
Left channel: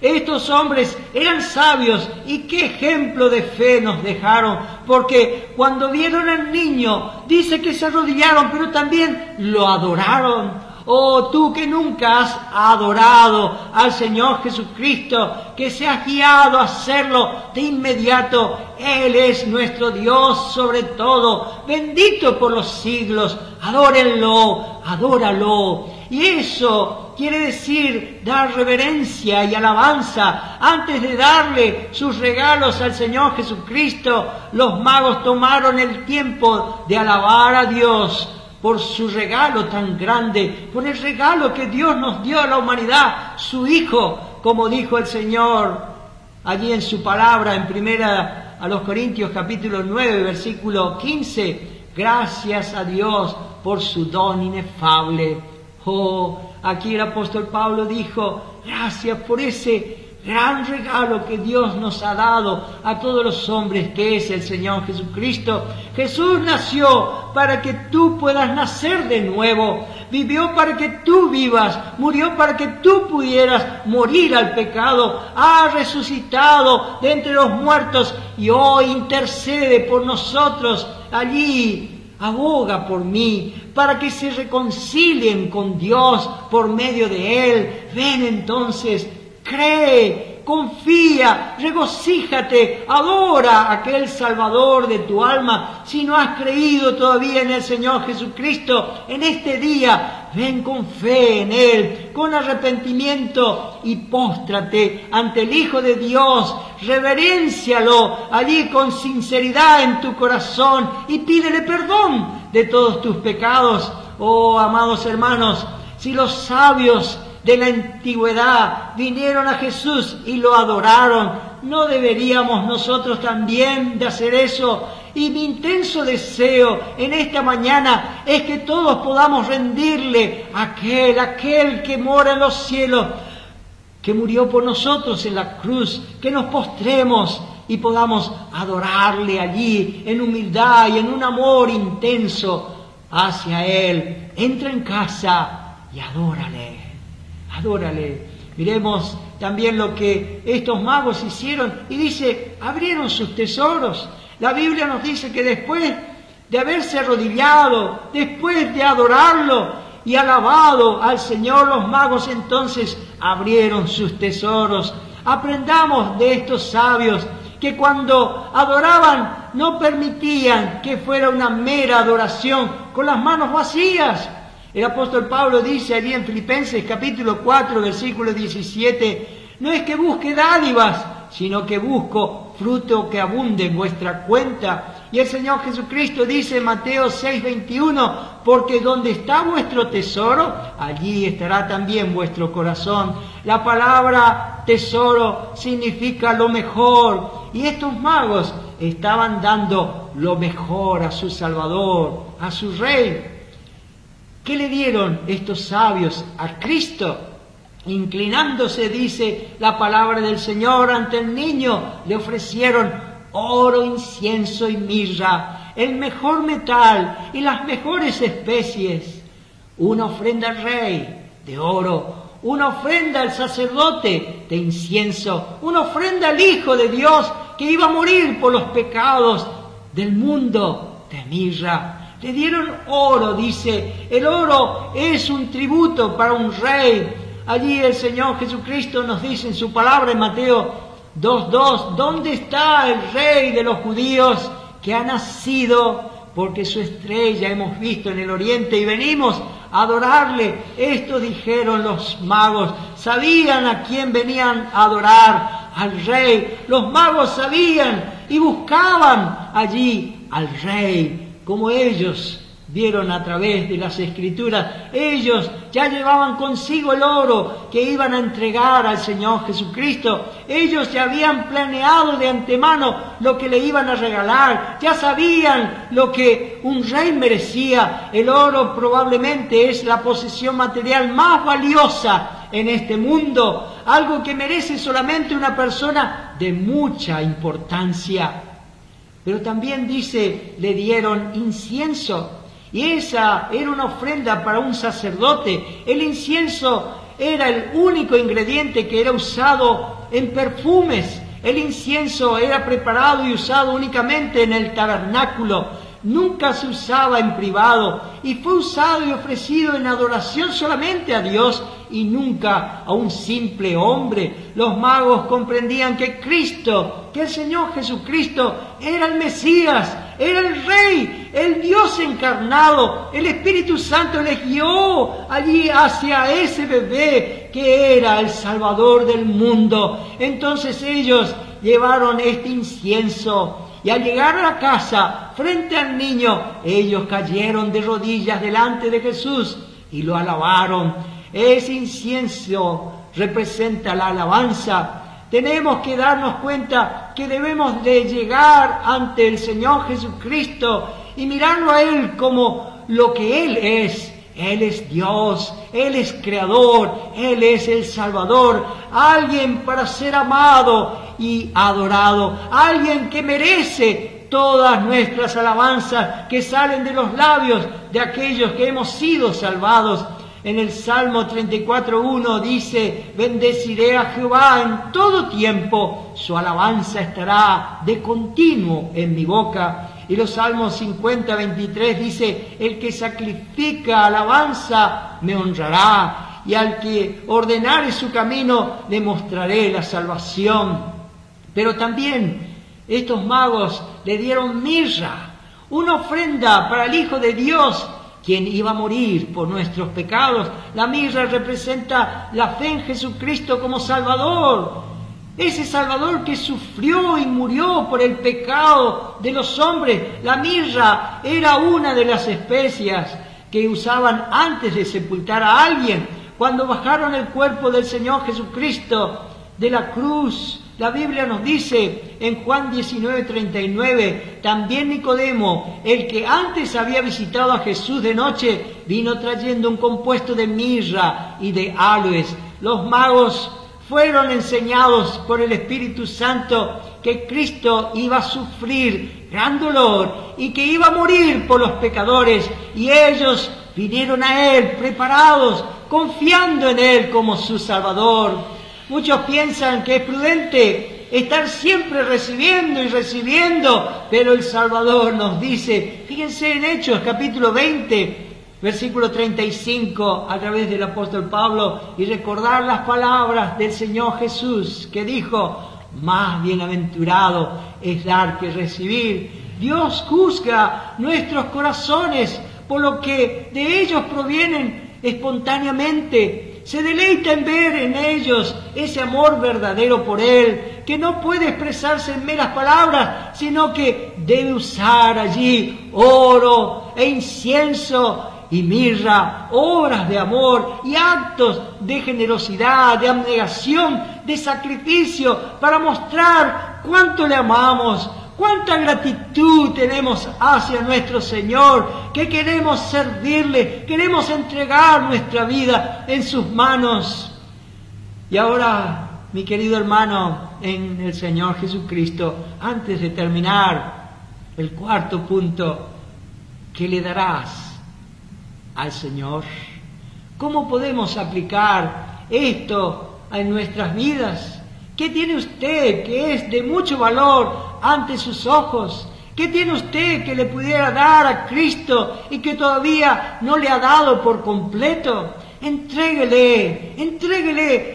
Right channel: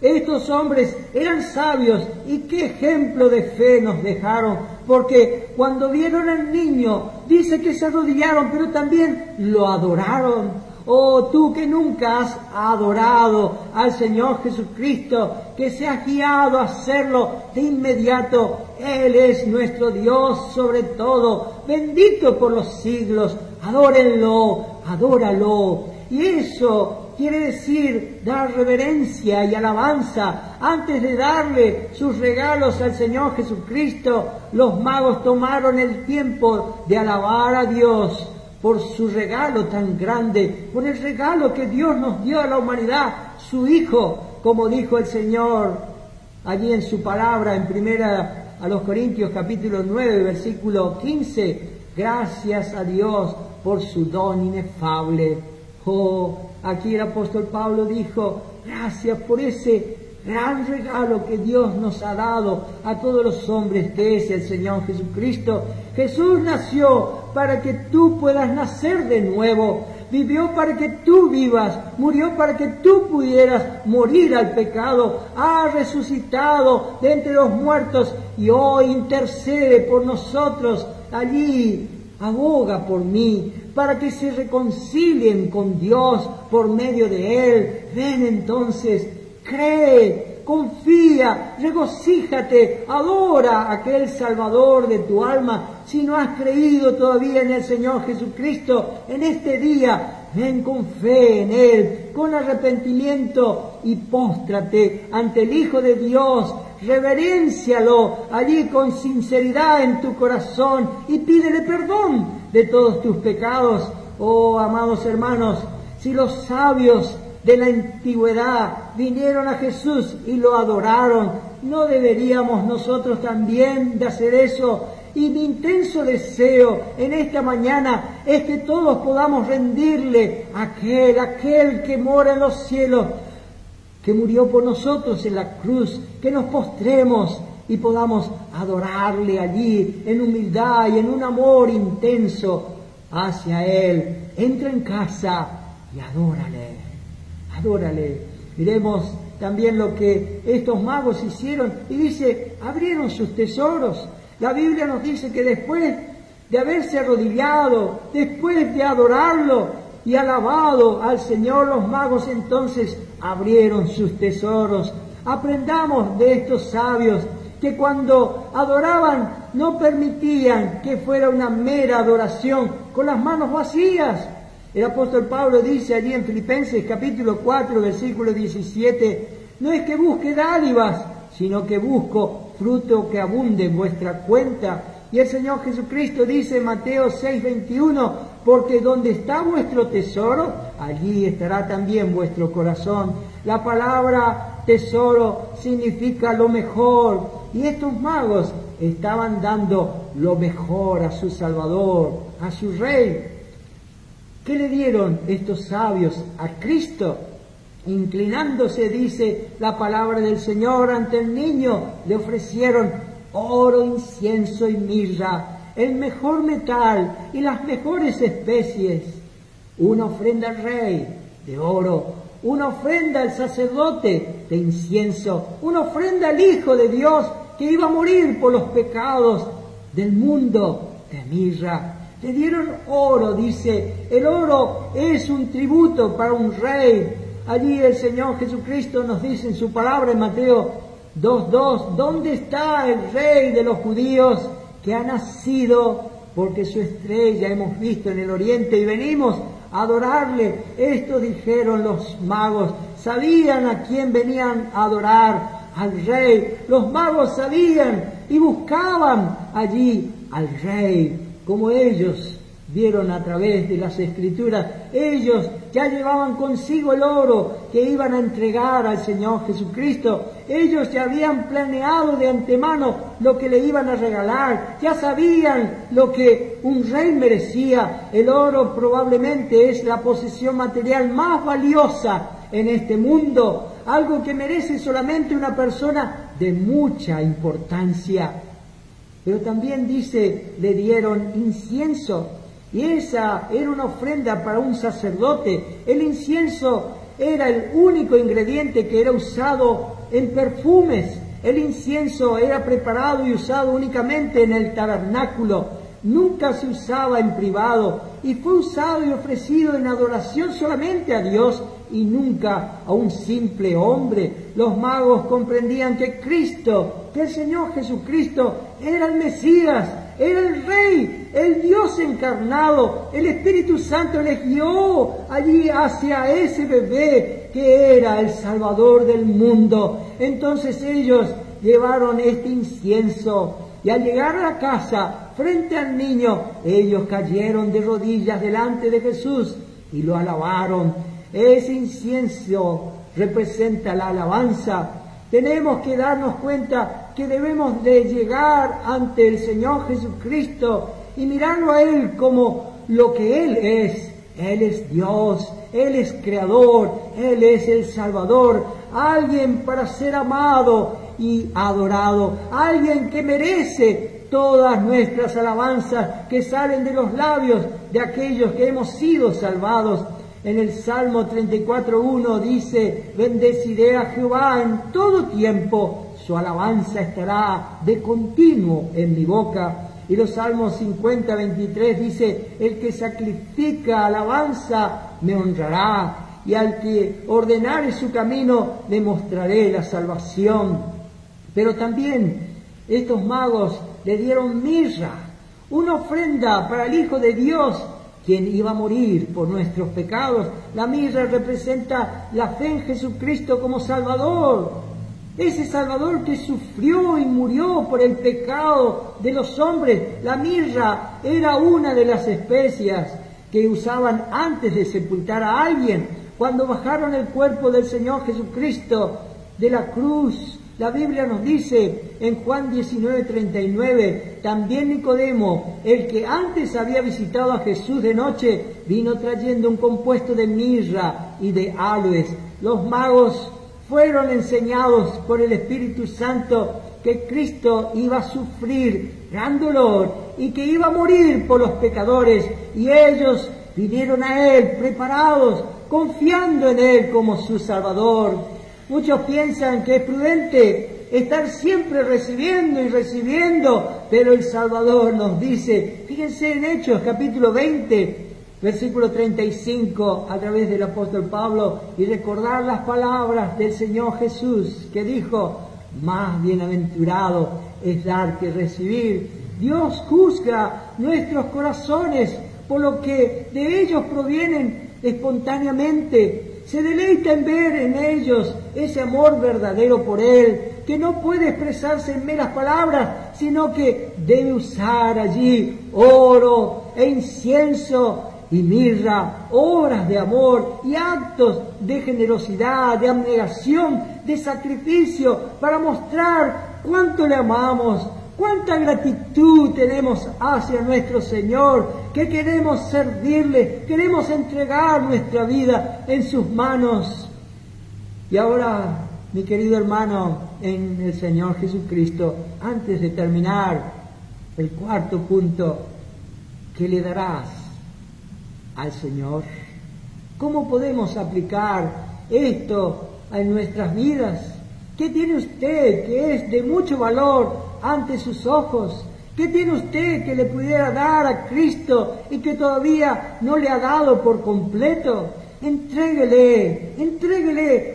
Estos hombres eran sabios y qué ejemplo de fe nos dejaron, porque cuando vieron al niño, dice que se arrodillaron, pero también lo adoraron. Oh, tú que nunca has adorado al Señor Jesucristo, que se has guiado a hacerlo de inmediato. Él es nuestro Dios sobre todo, bendito por los siglos. Adórenlo, adóralo. Y eso quiere decir dar reverencia y alabanza. Antes de darle sus regalos al Señor Jesucristo, los magos tomaron el tiempo de alabar a Dios por su regalo tan grande, por el regalo que Dios nos dio a la humanidad, su Hijo, como dijo el Señor allí en su palabra en Primera a los Corintios capítulo 9, versículo 15, gracias a Dios por su don inefable. Oh, aquí el apóstol Pablo dijo, gracias por ese gran regalo que Dios nos ha dado a todos los hombres, que es el Señor Jesucristo. Jesús nació para que tú puedas nacer de nuevo, vivió para que tú vivas, murió para que tú pudieras morir al pecado, ha resucitado de entre los muertos y hoy intercede por nosotros. Allí aboga por mí, para que se reconcilien con Dios por medio de Él. Ven entonces, cree, confía, regocíjate, adora a aquel Salvador de tu alma. Si no has creído todavía en el Señor Jesucristo, en este día ven con fe en Él, con arrepentimiento y póstrate ante el Hijo de Dios, reveréncialo allí con sinceridad en tu corazón y pídele perdón de todos tus pecados. Oh, amados hermanos, si los sabios de la antigüedad vinieron a Jesús y lo adoraron, ¿no deberíamos nosotros también de hacer eso? Y mi intenso deseo en esta mañana es que todos podamos rendirle a aquel que mora en los cielos, que murió por nosotros en la cruz, que nos postremos y podamos adorarle allí en humildad y en un amor intenso hacia Él. Entra en casa y adórale, adórale. Miremos también lo que estos magos hicieron y dice, abrieron sus tesoros. La Biblia nos dice que después de haberse arrodillado, después de adorarlo y alabado al Señor, los magos entonces abrieron sus tesoros. Aprendamos de estos sabios que cuando adoraban no permitían que fuera una mera adoración con las manos vacías. El apóstol Pablo dice allí en Filipenses capítulo 4, versículo 17, no es que busque dádivas, sino que busco fruto que abunde en vuestra cuenta. Y el Señor Jesucristo dice en Mateo 6:21, porque donde está vuestro tesoro, allí estará también vuestro corazón. La palabra tesoro significa lo mejor, y estos magos estaban dando lo mejor a su Salvador, a su Rey. ¿Qué le dieron estos sabios a Cristo? Inclinándose, dice la palabra del Señor, ante el niño, le ofrecieron oro, incienso y mirra, el mejor metal y las mejores especies. Una ofrenda al Rey de oro, una ofrenda al sacerdote de incienso, una ofrenda al Hijo de Dios que iba a morir por los pecados del mundo de mirra. Le dieron oro, dice, el oro es un tributo para un rey. Allí el Señor Jesucristo nos dice en su palabra en Mateo 2:2, ¿dónde está el Rey de los judíos que ha nacido? Porque su estrella hemos visto en el oriente y venimos a adorarle. Esto dijeron los magos, sabían a quién venían a adorar, al Rey. Los magos sabían y buscaban allí al Rey, como ellos vieron a través de las Escrituras. Ellos ya llevaban consigo el oro que iban a entregar al Señor Jesucristo. Ellos ya habían planeado de antemano lo que le iban a regalar. Ya sabían lo que un rey merecía. El oro probablemente es la posesión material más valiosa en este mundo. Algo que merece solamente una persona de mucha importancia. Pero también dice, le dieron incienso. Y esa era una ofrenda para un sacerdote. El incienso era el único ingrediente que era usado en perfumes. El incienso era preparado y usado únicamente en el tabernáculo. Nunca se usaba en privado y fue usado y ofrecido en adoración solamente a Dios y nunca a un simple hombre. Los magos comprendían que Cristo, que el Señor Jesucristo era el Mesías, era el Rey, el Dios encarnado. El Espíritu Santo les guió allí hacia ese bebé que era el Salvador del mundo. Entonces ellos llevaron este incienso y al llegar a la casa, frente al niño, ellos cayeron de rodillas delante de Jesús y lo alabaron. Ese incienso representa la alabanza. Tenemos que darnos cuenta que debemos de llegar ante el Señor Jesucristo y mirarlo a Él como lo que Él es. Él es Dios, Él es Creador, Él es el Salvador, alguien para ser amado y adorado, alguien que merece todas nuestras alabanzas que salen de los labios de aquellos que hemos sido salvados. En el Salmo 34:1 dice, bendeciré a Jehová en todo tiempo, su alabanza estará de continuo en mi boca. Y los Salmos 50:23 dice, el que sacrifica alabanza me honrará, y al que ordenare su camino le mostraré la salvación. Pero también estos magos le dieron mirra, una ofrenda para el Hijo de Dios quien iba a morir por nuestros pecados. La mirra representa la fe en Jesucristo como Salvador. Ese Salvador que sufrió y murió por el pecado de los hombres. La mirra era una de las especias que usaban antes de sepultar a alguien. Cuando bajaron el cuerpo del Señor Jesucristo de la cruz, la Biblia nos dice en Juan 19:39, también Nicodemo, el que antes había visitado a Jesús de noche, vino trayendo un compuesto de mirra y de áloes. Los magos fueron enseñados por el Espíritu Santo que Cristo iba a sufrir gran dolor y que iba a morir por los pecadores, y ellos vinieron a Él preparados, confiando en Él como su Salvador. Muchos piensan que es prudente estar siempre recibiendo y recibiendo, pero el Salvador nos dice, fíjense en Hechos capítulo 20, versículo 35, a través del apóstol Pablo, y recordar las palabras del Señor Jesús, que dijo, más bienaventurado es dar que recibir. Dios juzga nuestros corazones por lo que de ellos provienen espontáneamente. Se deleita en ver en ellos ese amor verdadero por Él, que no puede expresarse en meras palabras, sino que debe usar allí oro e incienso y mirra, obras de amor y actos de generosidad, de abnegación, de sacrificio, para mostrar cuánto le amamos, cuánta gratitud tenemos hacia nuestro Señor, que queremos servirle, queremos entregar nuestra vida en sus manos. Y ahora, mi querido hermano en el Señor Jesucristo, antes de terminar el cuarto punto, ¿qué le darás al Señor? ¿Cómo podemos aplicar esto en nuestras vidas? ¿Qué tiene usted que es de mucho valor ante sus ojos? ¿Qué tiene usted que le pudiera dar a Cristo y que todavía no le ha dado por completo? Entréguele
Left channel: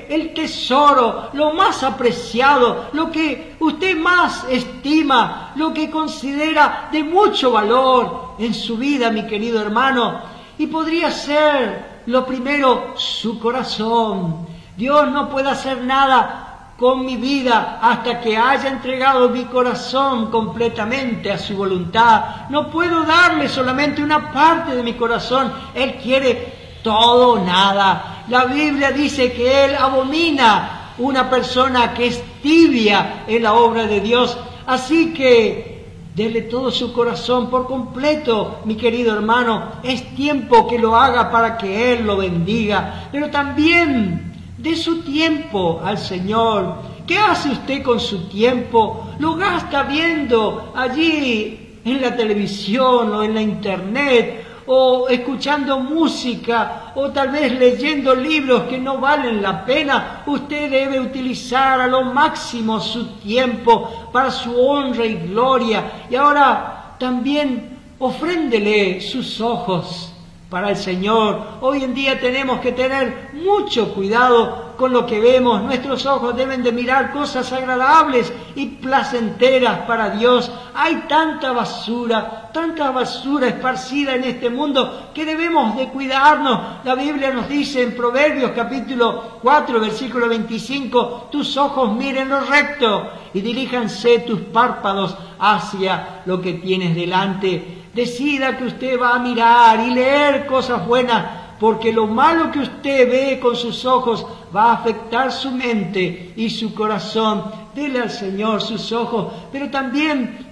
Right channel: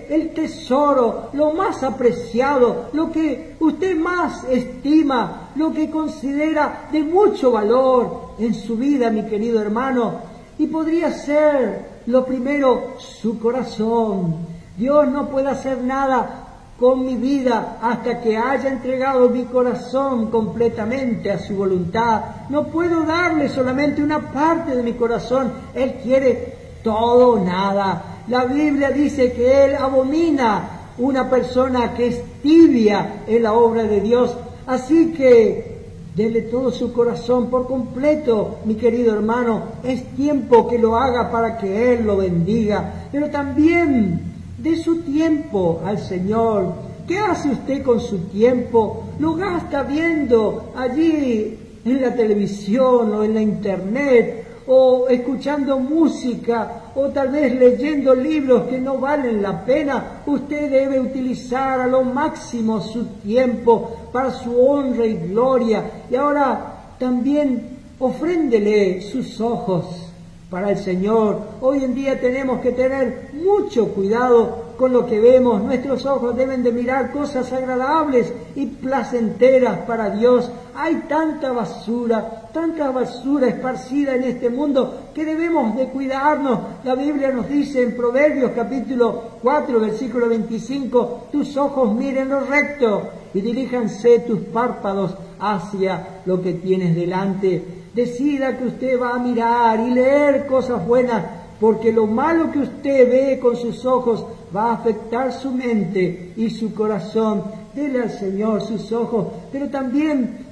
el tesoro, lo más apreciado, lo que usted más estima, lo que considera de mucho valor en su vida, mi querido hermano. Y podría ser lo primero su corazón. Dios no puede hacer nada con mi vida hasta que haya entregado mi corazón completamente a su voluntad. No puedo darle solamente una parte de mi corazón. Él quiere todo o nada. La Biblia dice que Él abomina una persona que es tibia en la obra de Dios. Así que dele todo su corazón por completo, mi querido hermano. Es tiempo que lo haga para que Él lo bendiga. Pero también de su tiempo al Señor. ¿Qué hace usted con su tiempo? ¿Lo gasta viendo allí en la televisión o en la internet, o escuchando música, o tal vez leyendo libros que no valen la pena? Usted debe utilizar a lo máximo su tiempo para su honra y gloria. Y ahora también ofréndele sus ojos para el Señor. Hoy en día tenemos que tener mucho cuidado con lo que vemos. Nuestros ojos deben de mirar cosas agradables y placenteras para Dios. Hay tanta basura esparcida en este mundo que debemos de cuidarnos. La Biblia nos dice en Proverbios capítulo 4, versículo 25, tus ojos miren lo recto y diríjanse tus párpados hacia lo que tienes delante. Decida que usted va a mirar y leer cosas buenas, porque lo malo que usted ve con sus ojos va a afectar su mente y su corazón. Dele al Señor sus ojos, pero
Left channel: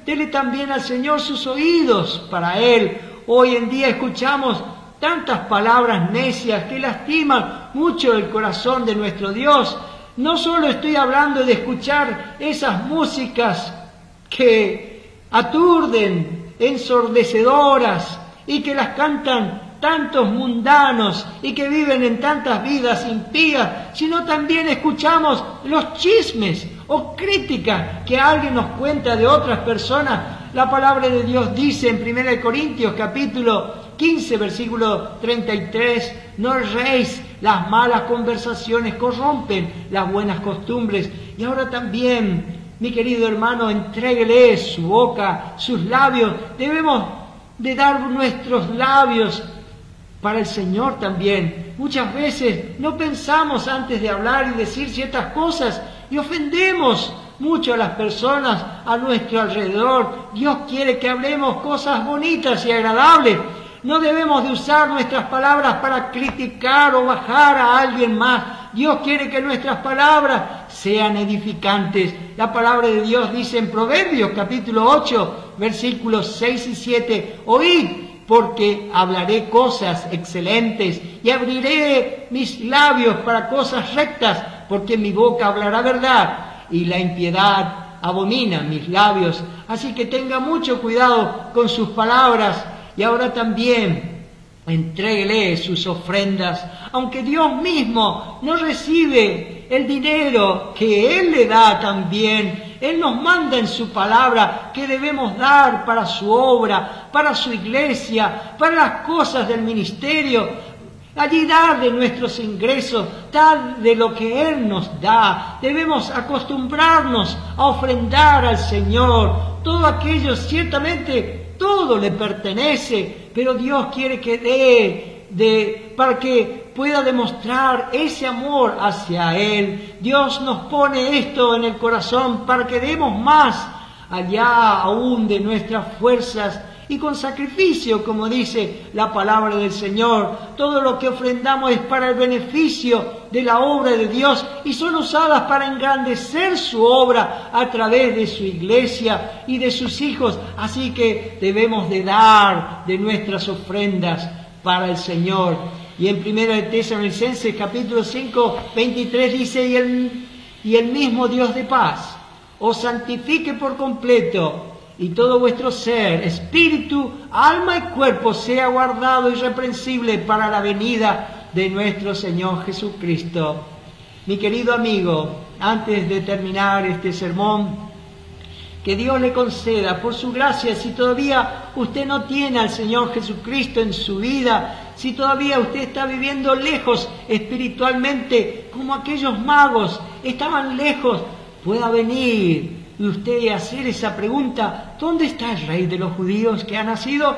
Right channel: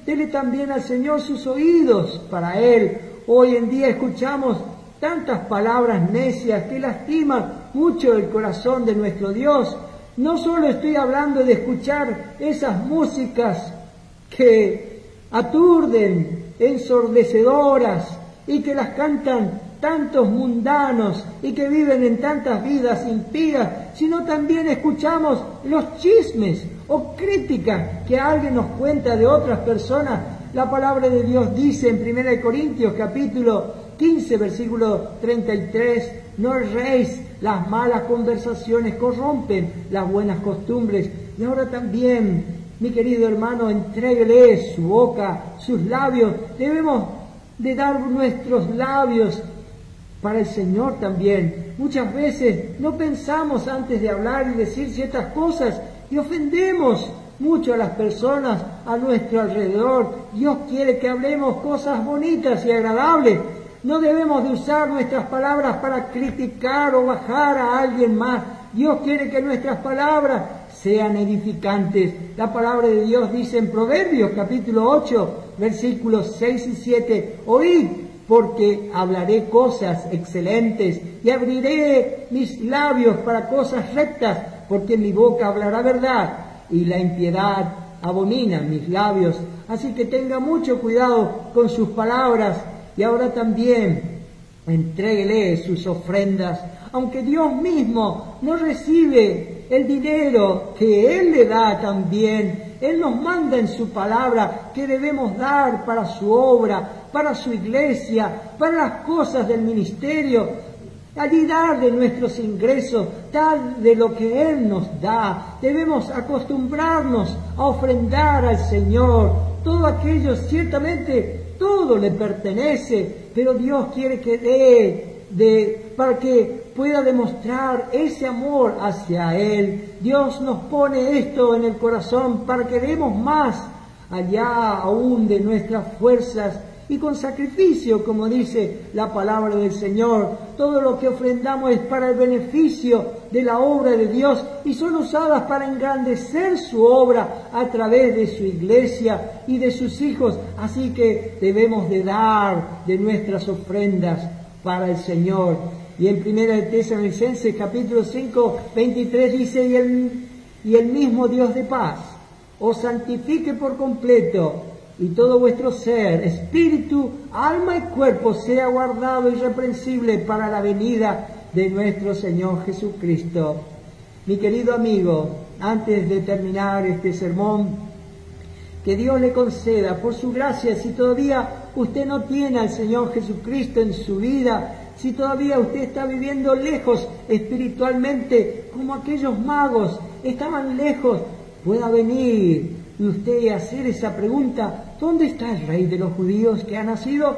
dele también al Señor sus oídos para Él. Hoy en día escuchamos tantas palabras necias que lastiman mucho el corazón de nuestro Dios. No solo estoy hablando de escuchar esas músicas que aturden, ensordecedoras, y que las cantan tantos mundanos y que viven en tantas vidas impías, sino también escuchamos los chismes o críticas que alguien nos cuenta de otras personas. La palabra de Dios dice en 1 Corintios capítulo 15, versículo 33, no erréis, las malas conversaciones corrompen las buenas costumbres. Y ahora también, mi querido hermano, entréguele su boca, sus labios. Debemos de dar nuestros labios para el Señor también. Muchas veces no pensamos antes de hablar y decir ciertas cosas y ofendemos mucho a las personas a nuestro alrededor. Dios quiere que hablemos cosas bonitas y agradables. No debemos de usar nuestras palabras para criticar o bajar a alguien más. Dios quiere que nuestras palabras sean edificantes. La palabra de Dios dice en Proverbios capítulo 8, versículos 6 y 7, oíd, porque hablaré cosas excelentes y abriré mis labios para cosas rectas, porque mi boca hablará verdad y la impiedad abomina mis labios. Así que tenga mucho cuidado con sus palabras. Y ahora también entréguele sus ofrendas, aunque Dios mismo no recibe el dinero que Él le da también. Él nos manda en su palabra que debemos dar para su obra, para su iglesia, para las cosas del ministerio. Allí dar de nuestros ingresos, dar de lo que Él nos da. Debemos acostumbrarnos a ofrendar al Señor. Todo aquello, ciertamente, todo le pertenece, pero Dios quiere que dé para que pueda demostrar ese amor hacia Él. Dios nos pone esto en el corazón para que demos más allá aún de nuestras fuerzas y con sacrificio, como dice la palabra del Señor. Todo lo que ofrendamos es para el beneficio de la obra de Dios y son usadas para engrandecer su obra a través de su iglesia y de sus hijos. Así que debemos de dar de nuestras ofrendas para el Señor. Y en 1 de Tesalonicenses capítulo 5, 23 dice, y el mismo Dios de paz os santifique por completo, y todo vuestro ser, espíritu, alma y cuerpo sea guardado irreprensible para la venida de nuestro Señor Jesucristo. Mi querido amigo, antes de terminar este sermón, que Dios le conceda por su gracia, si todavía usted no tiene al Señor Jesucristo en su vida, si todavía usted está viviendo lejos espiritualmente, como aquellos magos estaban lejos, pueda venir y usted hacer esa pregunta, ¿dónde está el Rey de los judíos que ha nacido?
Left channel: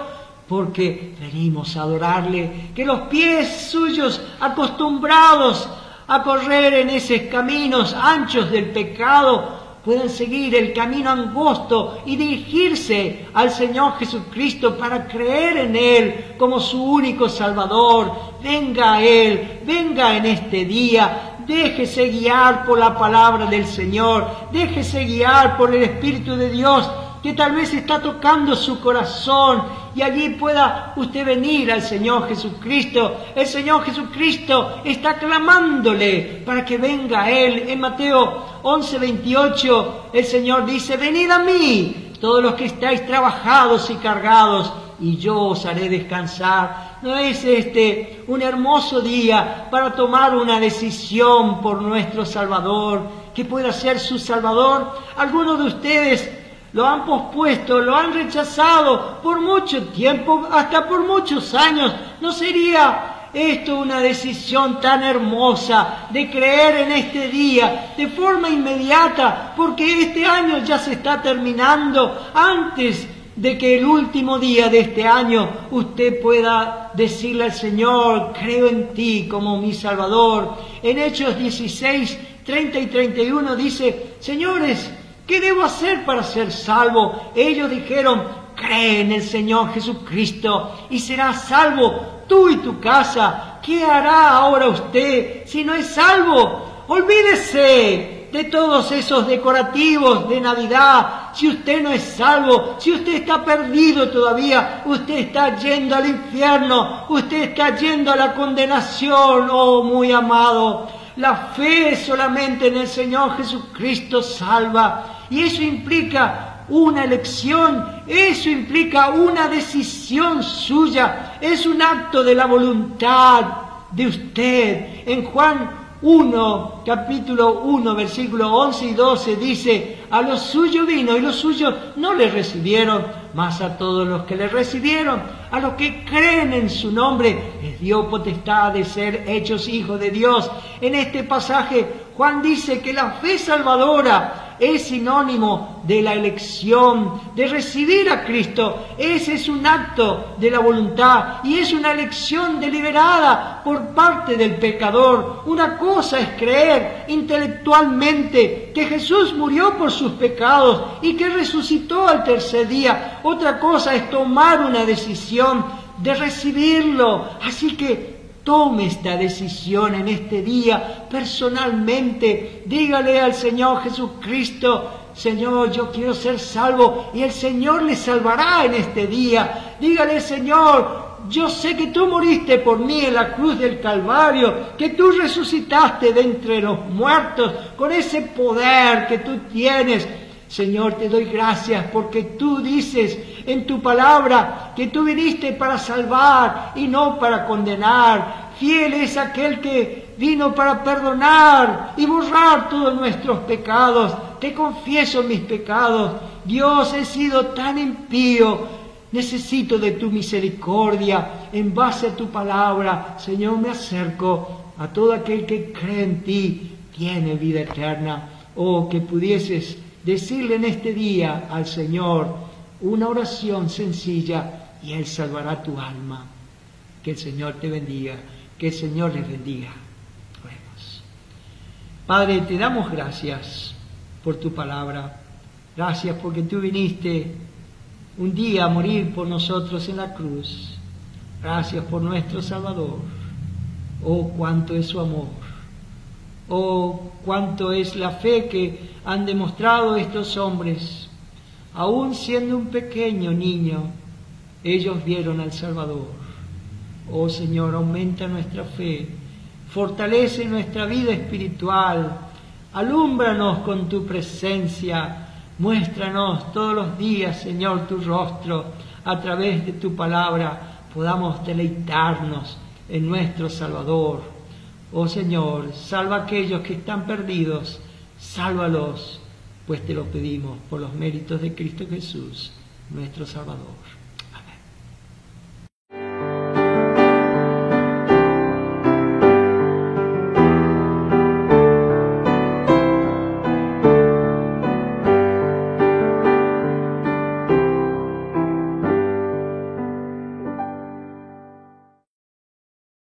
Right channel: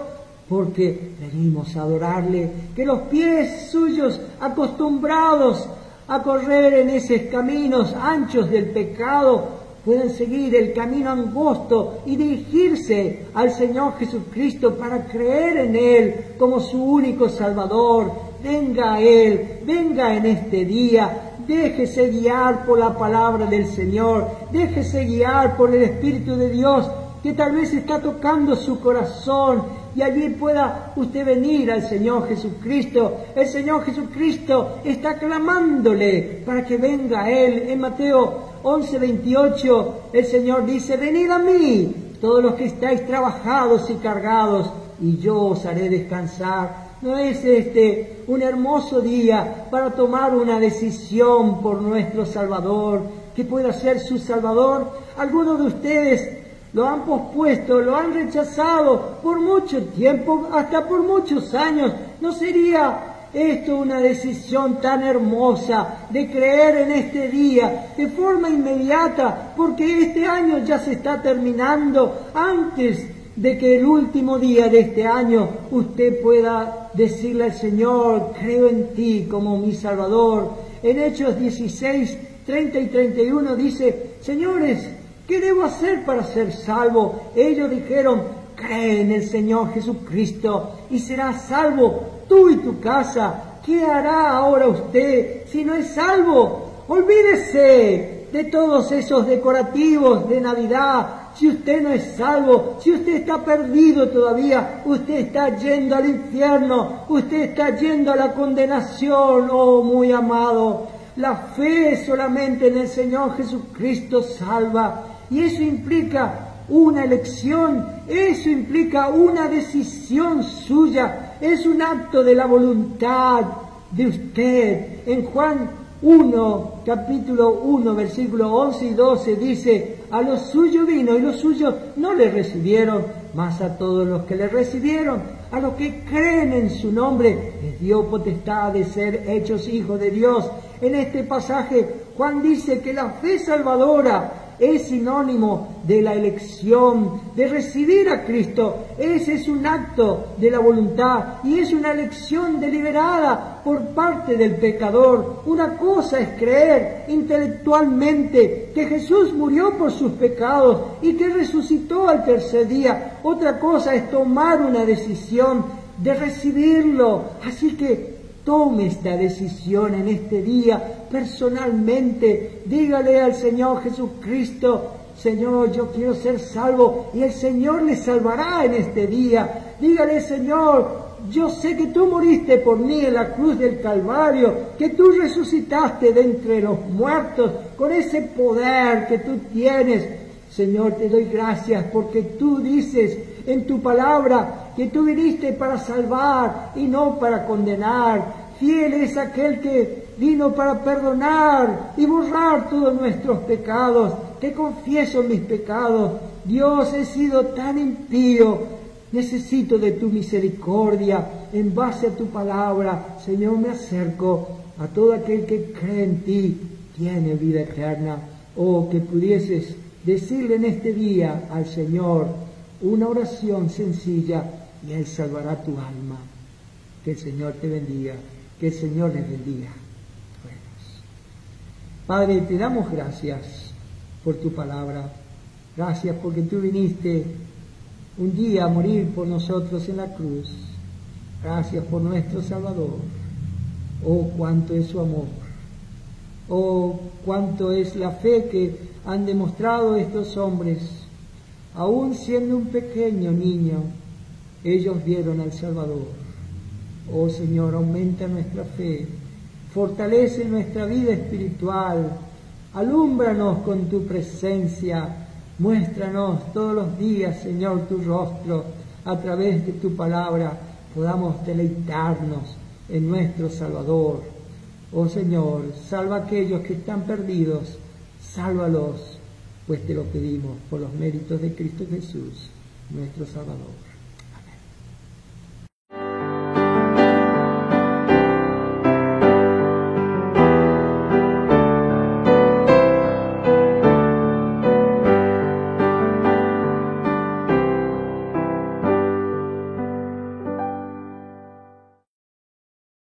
Porque venimos a adorarle, que los pies suyos acostumbrados a correr en esos caminos anchos del pecado, puedan seguir el camino angosto y dirigirse al Señor Jesucristo para creer en Él como su único Salvador. Venga a Él, venga en este día. Déjese guiar por la palabra del Señor, déjese guiar por el Espíritu de Dios, que tal vez está tocando su corazón, y allí pueda usted venir al Señor Jesucristo. El Señor Jesucristo está clamándole para que venga a Él. En Mateo 11:28 el Señor dice, venid a mí, todos los que estáis trabajados y cargados, y yo os haré descansar. ¿No es este un hermoso día para tomar una decisión por nuestro Salvador, que pueda ser su Salvador? Algunos de ustedes lo han pospuesto, lo han rechazado por mucho tiempo, hasta por muchos años. ¿No sería esto una decisión tan hermosa de creer en este día de forma inmediata? Porque este año ya se está terminando. Antes de que el último día de este año usted pueda decirle al Señor, creo en ti como mi Salvador. En Hechos 16, 30 y 31 dice, señores, ¿qué debo hacer para ser salvo? Ellos dijeron, cree en el Señor Jesucristo y serás salvo tú y tu casa. ¿Qué hará ahora usted si no es salvo? Olvídese de todos esos decorativos de Navidad. Si usted no es salvo, si usted está perdido todavía, usted está yendo al infierno, usted está yendo a la condenación, oh muy amado. La fe solamente en el Señor Jesucristo salva, y eso implica una elección, eso implica una decisión suya, es un acto de la voluntad de usted. En Juan 1, capítulo 1, versículos 11 y 12 dice, a los suyos vino y los suyos no le recibieron, mas a todos los que le recibieron, a los que creen en su nombre, les dio potestad de ser hechos hijos de Dios. En este pasaje Juan dice que la fe salvadora es sinónimo de la elección, de recibir a Cristo. Ese es un acto de la voluntad y es una elección deliberada por parte del pecador. Una cosa es creer intelectualmente que Jesús murió por sus pecados y que resucitó al tercer día. Otra cosa es tomar una decisión de recibirlo. Así que tome esta decisión en este día personalmente. Dígale al Señor Jesucristo: Señor, yo quiero ser salvo, y el Señor le salvará en este día. Dígale: Señor, yo sé que tú moriste por mí en la cruz del Calvario, que tú resucitaste de entre los muertos con ese poder que tú tienes. Señor, te doy gracias porque tú dices en tu palabra que tú viniste para salvar y no para condenar. Fiel es aquel que vino para perdonar y borrar todos nuestros pecados. Te confieso mis pecados. Dios, he sido tan impío. Necesito de tu misericordia. En base a tu palabra, Señor, me acerco a todo aquel que cree en ti. Tiene vida eterna. Oh, que pudieses decirle en este día al Señor una oración sencilla y Él salvará tu alma. Que el Señor te bendiga, que el Señor les bendiga. Oremos. Padre, te damos gracias por tu palabra. Gracias porque tú viniste un día a morir por nosotros en la cruz. Gracias por nuestro Salvador. Oh, cuánto es su amor. Oh, cuánto es la fe que han demostrado estos hombres. Aún siendo un pequeño niño, ellos vieron al Salvador. Oh Señor, aumenta nuestra fe, fortalece nuestra vida espiritual, alúmbranos con tu presencia, muéstranos todos los días, Señor, tu rostro, a través de tu palabra podamos deleitarnos en nuestro Salvador. Oh Señor, salva a aquellos que están perdidos, sálvalos, pues te lo pedimos por los méritos de Cristo Jesús, nuestro Salvador.